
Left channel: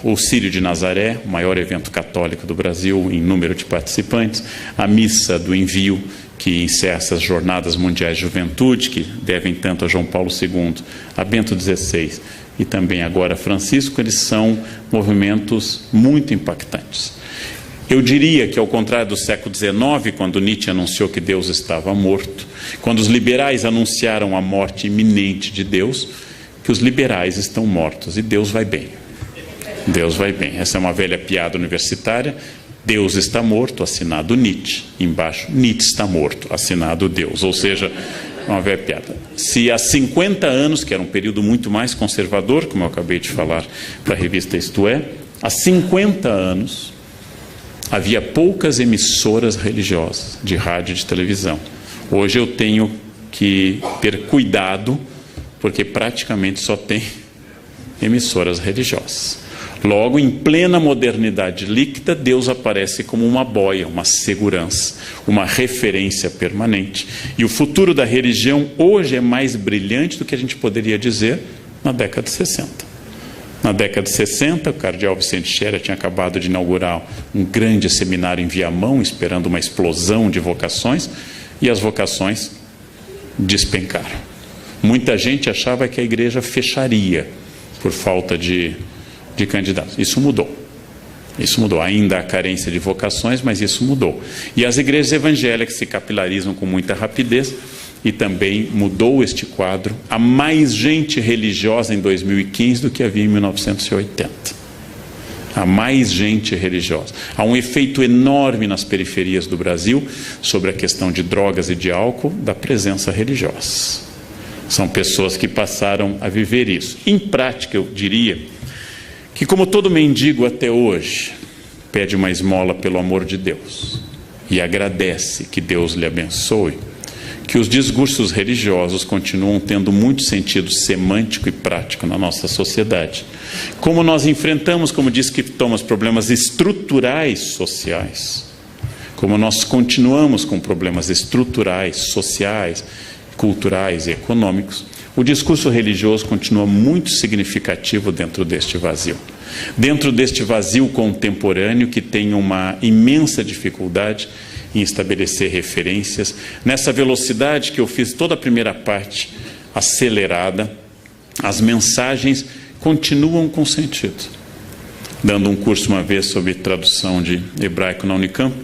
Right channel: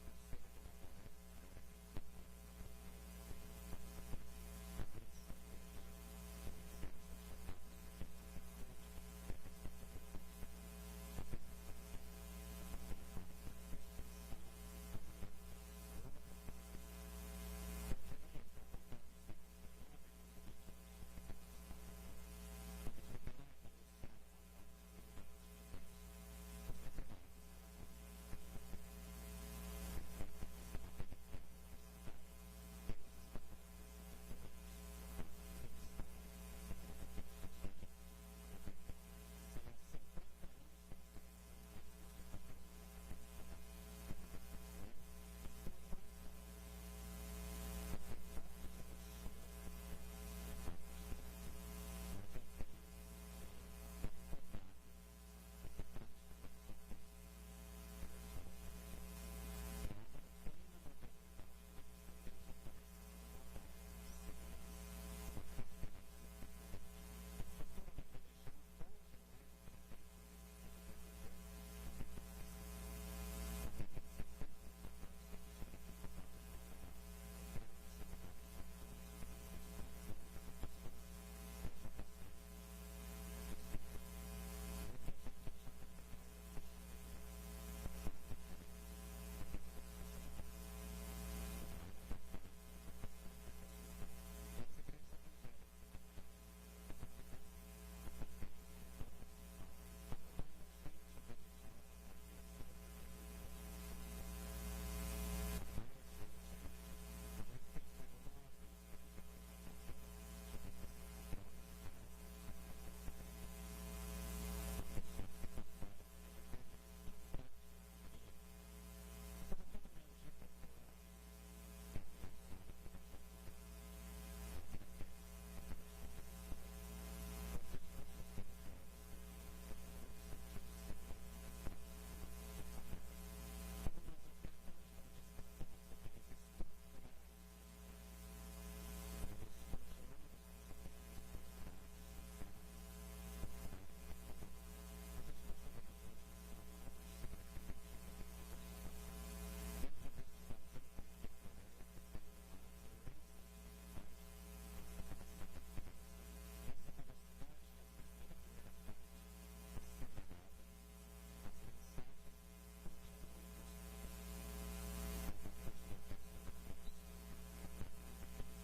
o Círio de Nazaré, o maior evento católico do Brasil em número de participantes, a Missa do Envio, que encerra essas Jornadas Mundiais de Juventude, que devem tanto a João Paulo II, a Bento XVI e também agora a Francisco, eles são movimentos muito impactantes. Eu diria que, ao contrário do século XIX, quando Nietzsche anunciou que Deus estava morto, quando os liberais anunciaram a morte iminente de Deus, que os liberais estão mortos e Deus vai bem. Deus vai bem. Essa é uma velha piada universitária. Deus está morto, assinado Nietzsche. Embaixo, Nietzsche está morto, assinado Deus. Ou seja, uma velha piada. Se há 50 anos, que era um período muito mais conservador, como eu acabei de falar para a revista Isto É, há 50 anos havia poucas emissoras religiosas de rádio e de televisão. Hoje eu tenho que ter cuidado, porque praticamente só tem emissoras religiosas. Logo, em plena modernidade líquida, Deus aparece como uma boia, uma segurança, uma referência permanente. E o futuro da religião hoje é mais brilhante do que a gente poderia dizer na década de 60. Na década de 60, o cardeal Vicente Scherer tinha acabado de inaugurar um grande seminário em Viamão, esperando uma explosão de vocações, e as vocações despencaram. Muita gente achava que a igreja fecharia por falta de candidatos. Isso mudou. Isso mudou. Ainda há carência de vocações, mas isso mudou. E as igrejas evangélicas se capilarizam com muita rapidez e também mudou este quadro. Há mais gente religiosa em 2015 do que havia em 1980. Há mais gente religiosa. Há um efeito enorme nas periferias do Brasil sobre a questão de drogas e de álcool da presença religiosa. São pessoas que passaram a viver isso. Em prática, eu diria que, como todo mendigo até hoje, pede uma esmola pelo amor de Deus e agradece que Deus lhe abençoe, que os discursos religiosos continuam tendo muito sentido semântico e prático na nossa sociedade. Como nós enfrentamos, como diz que Thomas, problemas estruturais sociais, como nós continuamos com problemas estruturais, sociais, culturais e econômicos, o discurso religioso continua muito significativo dentro deste vazio. Dentro deste vazio contemporâneo que tem uma imensa dificuldade em estabelecer referências, nessa velocidade que eu fiz toda a primeira parte acelerada, as mensagens continuam com sentido. Dando um curso uma vez sobre tradução de hebraico na Unicamp,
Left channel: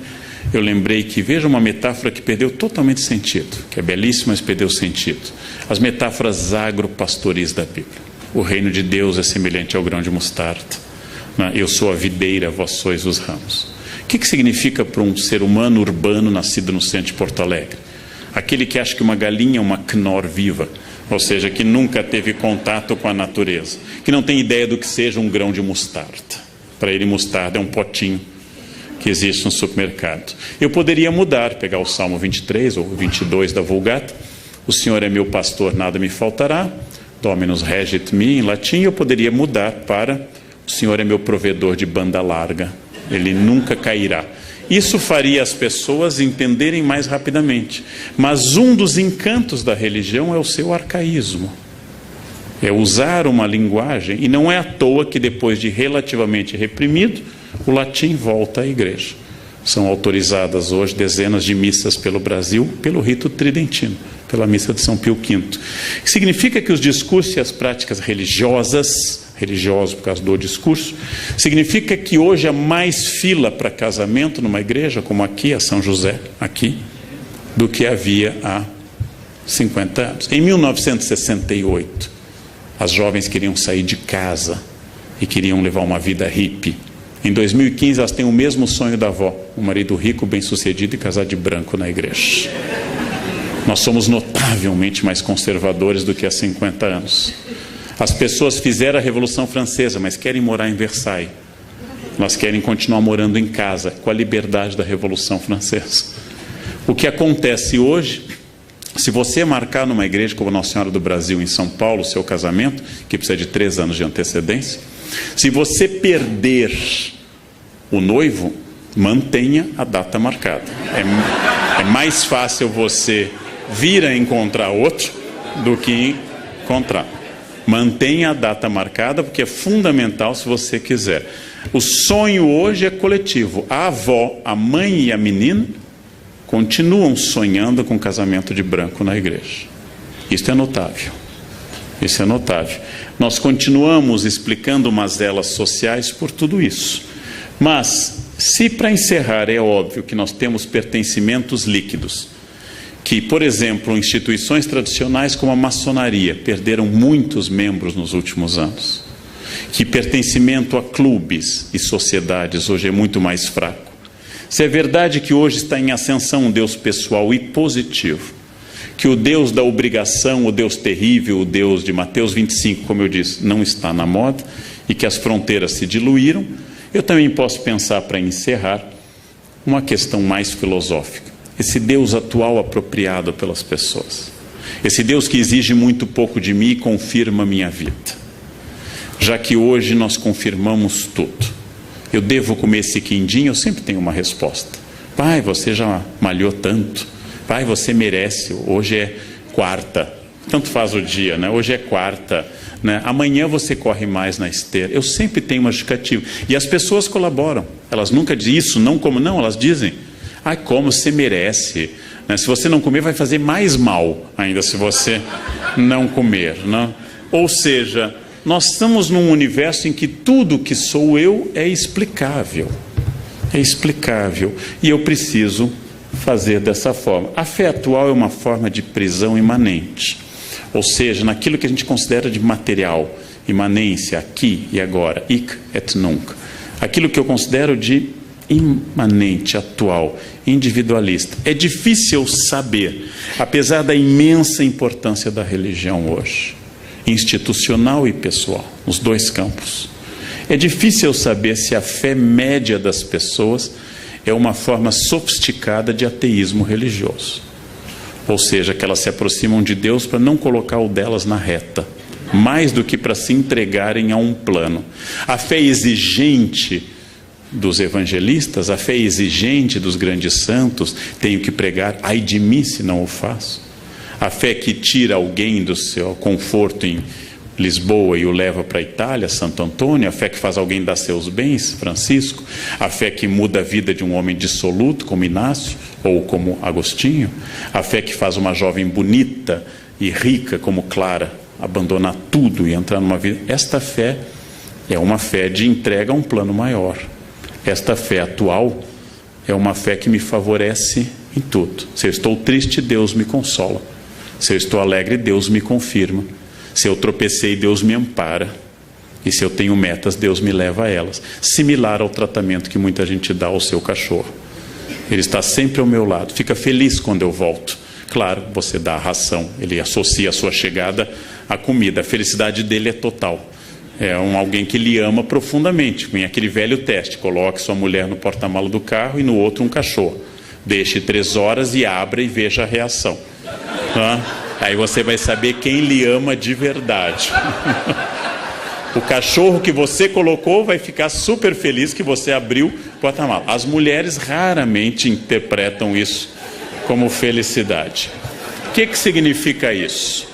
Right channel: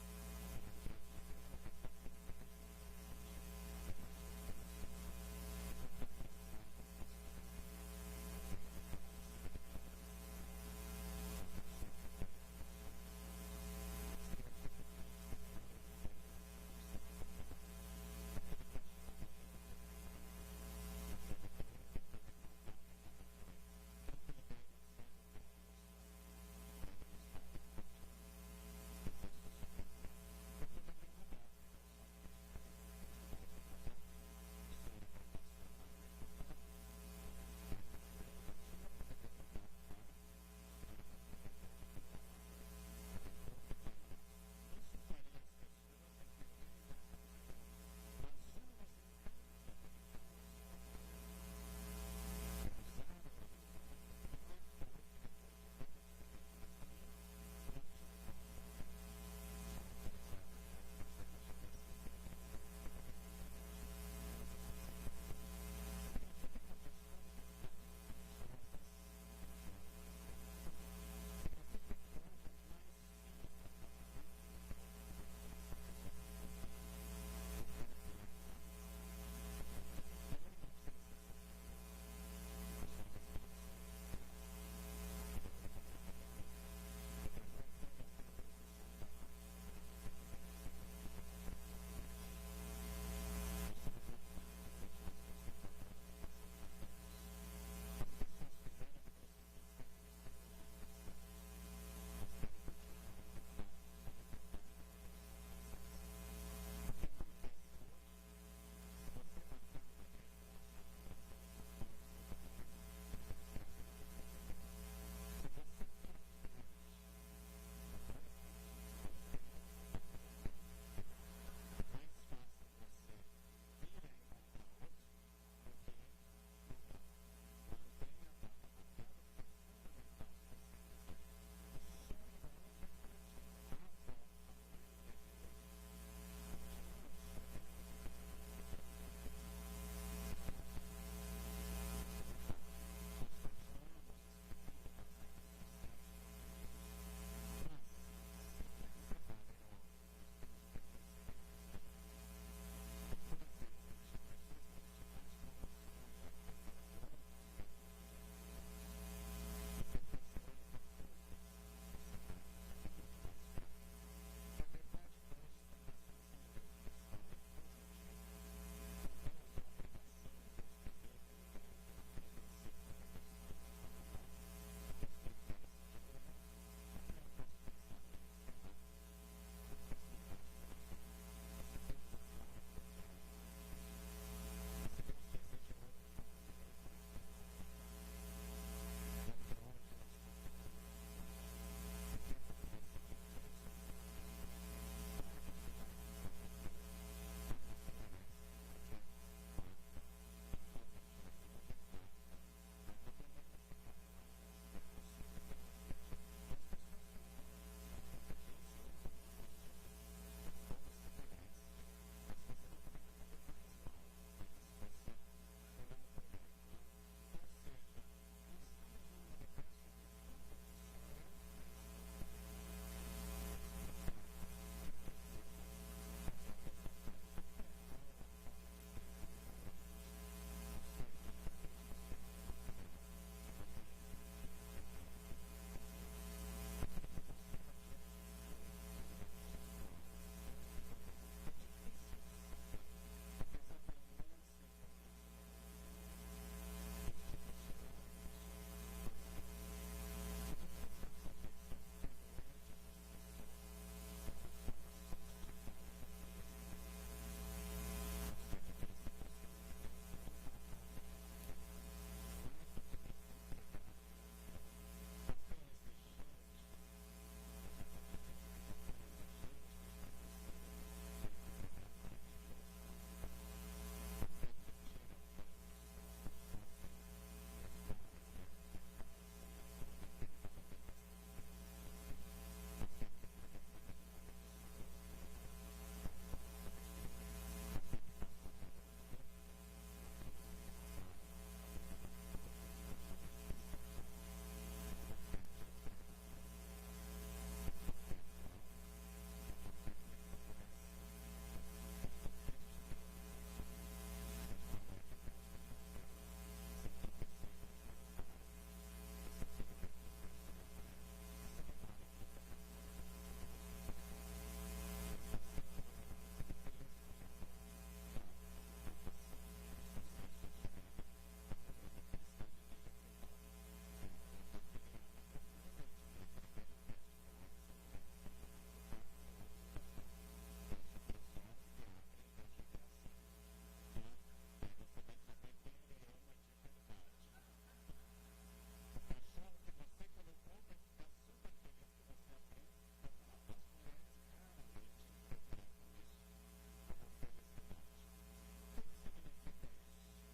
eu lembrei que, veja uma metáfora que perdeu totalmente sentido, que é belíssima, mas perdeu sentido. As metáforas agropastoris da Bíblia. O reino de Deus é semelhante ao grão de mostarda. Eu sou a videira, vós sois os ramos. O que significa para um ser humano urbano nascido no centro de Porto Alegre? Aquele que acha que uma galinha é uma Knorr viva, ou seja, que nunca teve contato com a natureza, que não tem ideia do que seja um grão de mostarda. Para ele, mostarda é um potinho que existe no supermercado. Eu poderia mudar, pegar o Salmo 23 ou 22 da Vulgata, o Senhor é meu pastor, nada me faltará, Dominus regit me, em latim. Eu poderia mudar para o Senhor é meu provedor de banda larga, ele nunca cairá. Isso faria as pessoas entenderem mais rapidamente. Mas um dos encantos da religião é o seu arcaísmo. É usar uma linguagem, e não é à toa que depois de relativamente reprimido, o latim volta à igreja. São autorizadas hoje dezenas de missas pelo Brasil pelo rito tridentino. pela missa de São Pio V. Significa que os discursos e as práticas religiosos por causa do discurso, significa que hoje há mais fila para casamento numa igreja, como aqui, a São José, aqui, do que havia há 50 anos. Em 1968, as jovens queriam sair de casa e queriam levar uma vida hippie. Em 2015, elas têm o mesmo sonho da avó, um marido rico, bem-sucedido e casar de branco na igreja. Nós somos notavelmente mais conservadores do que há 50 anos. As pessoas fizeram a Revolução Francesa, mas querem morar em Versailles. Elas querem continuar morando em casa, com a liberdade da Revolução Francesa. O que acontece hoje, se você marcar numa igreja como Nossa Senhora do Brasil, em São Paulo, o seu casamento, que precisa de 3 anos de antecedência, se você perder o noivo, mantenha a data marcada. É mais fácil você vir a encontrar outro do que encontrar. Mantenha a data marcada, porque é fundamental se você quiser. O sonho hoje é coletivo. A avó, a mãe e a menina continuam sonhando com casamento de branco na igreja. Isso é notável. Isso é notável. Nós continuamos explicando mazelas sociais por tudo isso. Mas, se para encerrar é óbvio que nós temos pertencimentos líquidos, que, por exemplo, instituições tradicionais como a maçonaria perderam muitos membros nos últimos anos, que pertencimento a clubes e sociedades hoje é muito mais fraco. Se é verdade que hoje está em ascensão um Deus pessoal e positivo, que o Deus da obrigação, o Deus terrível, o Deus de Mateus 25, como eu disse, não está na moda, e que as fronteiras se diluíram, eu também posso pensar, para encerrar, uma questão mais filosófica. Esse Deus atual apropriado pelas pessoas. Esse Deus que exige muito pouco de mim e confirma a minha vida. Já que hoje nós confirmamos tudo. Eu devo comer esse quindim? Eu sempre tenho uma resposta. Pai, você já malhou tanto. Pai, você merece. Hoje é quarta. Tanto faz o dia, né? Hoje é quarta. Né? Amanhã você corre mais na esteira. Eu sempre tenho uma justificativa. E as pessoas colaboram. Elas nunca dizem isso, não como não. Elas dizem... Ai, como você merece. Né? Se você não comer, vai fazer mais mal ainda se você não comer. Né? Ou seja, nós estamos num universo em que tudo que sou eu é explicável. É explicável. E eu preciso fazer dessa forma. A fé atual é uma forma de prisão imanente. Ou seja, naquilo que a gente considera de material, imanência, aqui e agora, hic et nunc. Aquilo que eu considero de imanente, atual, individualista. É difícil saber, apesar da imensa importância da religião hoje, institucional e pessoal, nos dois campos. É difícil saber se a fé média das pessoas é uma forma sofisticada de ateísmo religioso. Ou seja, que elas se aproximam de Deus para não colocar o delas na reta, mais do que para se entregarem a um plano. A fé exigente dos evangelistas, a fé exigente dos grandes santos, tenho que pregar, ai de mim se não o faço. A fé que tira alguém do seu conforto em Lisboa e o leva para a Itália, Santo Antônio, a fé que faz alguém dar seus bens, Francisco, a fé que muda a vida de um homem dissoluto, como Inácio, ou como Agostinho, a fé que faz uma jovem bonita e rica, como Clara, abandonar tudo e entrar numa vida. Esta fé é uma fé de entrega a um plano maior. Esta fé atual é uma fé que me favorece em tudo. Se eu estou triste, Deus me consola. Se eu estou alegre, Deus me confirma. Se eu tropecei, Deus me ampara. E se eu tenho metas, Deus me leva a elas. Similar ao tratamento que muita gente dá ao seu cachorro. Ele está sempre ao meu lado. Fica feliz quando eu volto. Claro, você dá a ração. Ele associa a sua chegada à comida. A felicidade dele é total. É alguém que lhe ama profundamente. Vem aquele velho teste. Coloque sua mulher no porta-malas do carro e no outro um cachorro. Deixe 3 horas e abra e veja a reação. Aí você vai saber quem lhe ama de verdade. O cachorro que você colocou vai ficar super feliz que você abriu o porta-malas. As mulheres raramente interpretam isso como felicidade. O que significa isso?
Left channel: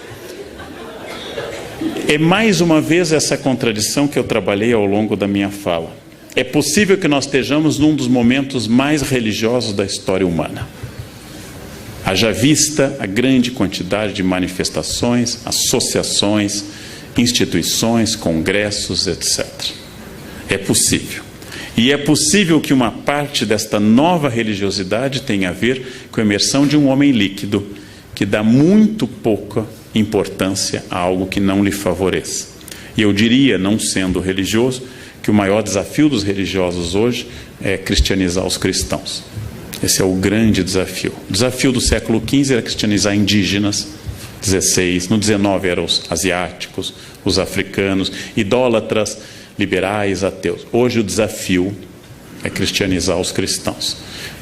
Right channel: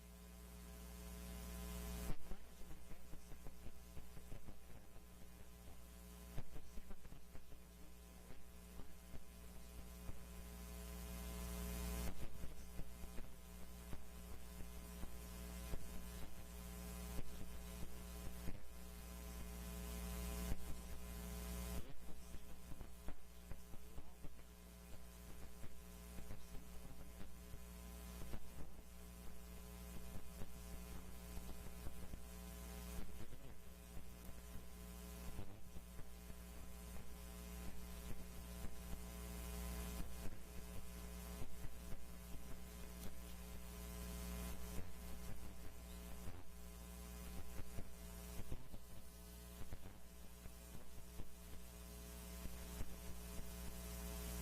É mais uma vez essa contradição que eu trabalhei ao longo da minha fala. É possível que nós estejamos num dos momentos mais religiosos da história humana. Haja vista a grande quantidade de manifestações, associações, instituições, congressos, etc. É possível. E é possível que uma parte desta nova religiosidade tenha a ver com a emersão de um homem líquido, que dá muito pouca importância a algo que não lhe favoreça. E eu diria, não sendo religioso, que o maior desafio dos religiosos hoje é cristianizar os cristãos. Esse é o grande desafio. O desafio do século XV era cristianizar indígenas, 16, no 19 eram os asiáticos, os africanos, idólatras, liberais, ateus. Hoje o desafio é cristianizar os cristãos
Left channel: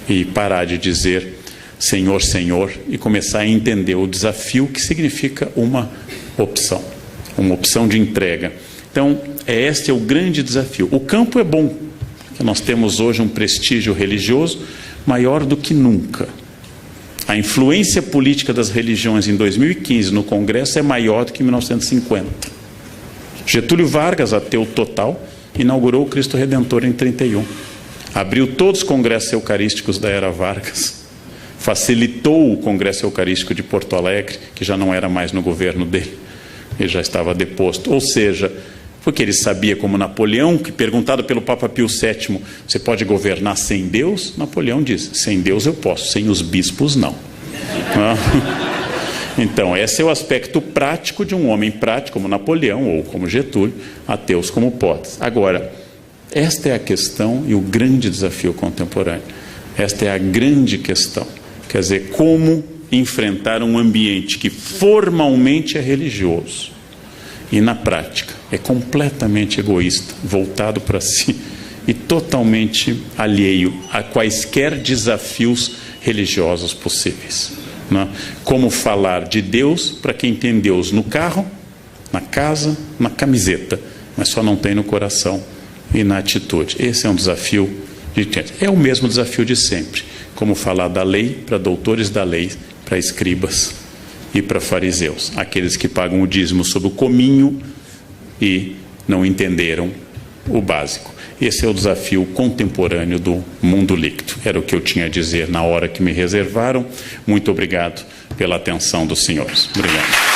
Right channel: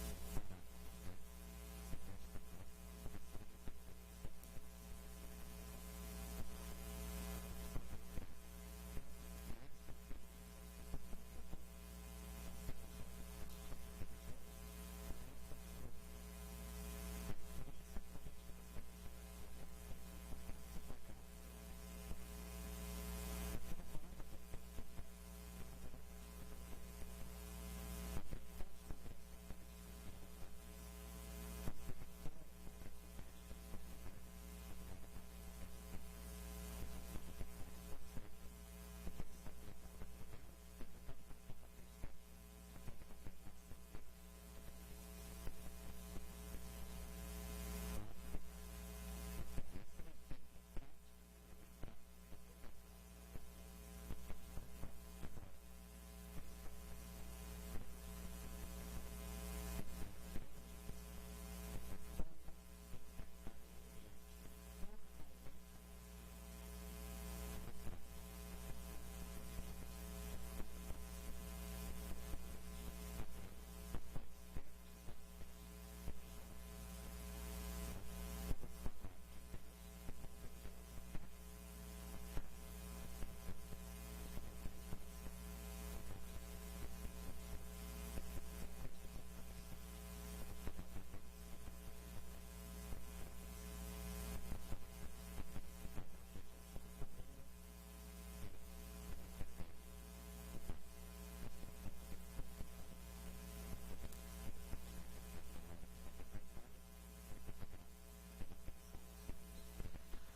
e parar de dizer Senhor, Senhor, e começar a entender o desafio que significa uma opção de entrega. Então, este é o grande desafio. O campo é bom, porque nós temos hoje um prestígio religioso maior do que nunca. A influência política das religiões em 2015 no Congresso é maior do que em 1950. Getúlio Vargas, ateu total, inaugurou o Cristo Redentor em 31. Abriu todos os congressos eucarísticos da era Vargas. Facilitou o Congresso Eucarístico de Porto Alegre, que já não era mais no governo dele. Ele já estava deposto. Ou seja, porque ele sabia, como Napoleão, que perguntado pelo Papa Pio VII, você pode governar sem Deus? Napoleão diz, sem Deus eu posso, sem os bispos não. Então, esse é o aspecto prático de um homem prático, como Napoleão ou como Getúlio, ateus como Potts. Agora, esta é a questão e o grande desafio contemporâneo. Esta é a grande questão. Quer dizer, como enfrentar um ambiente que formalmente é religioso e na prática é completamente egoísta, voltado para si e totalmente alheio a quaisquer desafios religiosos possíveis. Né? Como falar de Deus para quem tem Deus no carro, na casa, na camiseta, mas só não tem no coração e na atitude. Esse é um desafio é o mesmo desafio de sempre. Como falar da lei para doutores da lei, para escribas e para fariseus, aqueles que pagam o dízimo sob o cominho e não entenderam o básico. Esse é o desafio contemporâneo do mundo líquido. Era o que eu tinha a dizer na hora que me reservaram. Muito obrigado pela atenção dos senhores. Obrigado.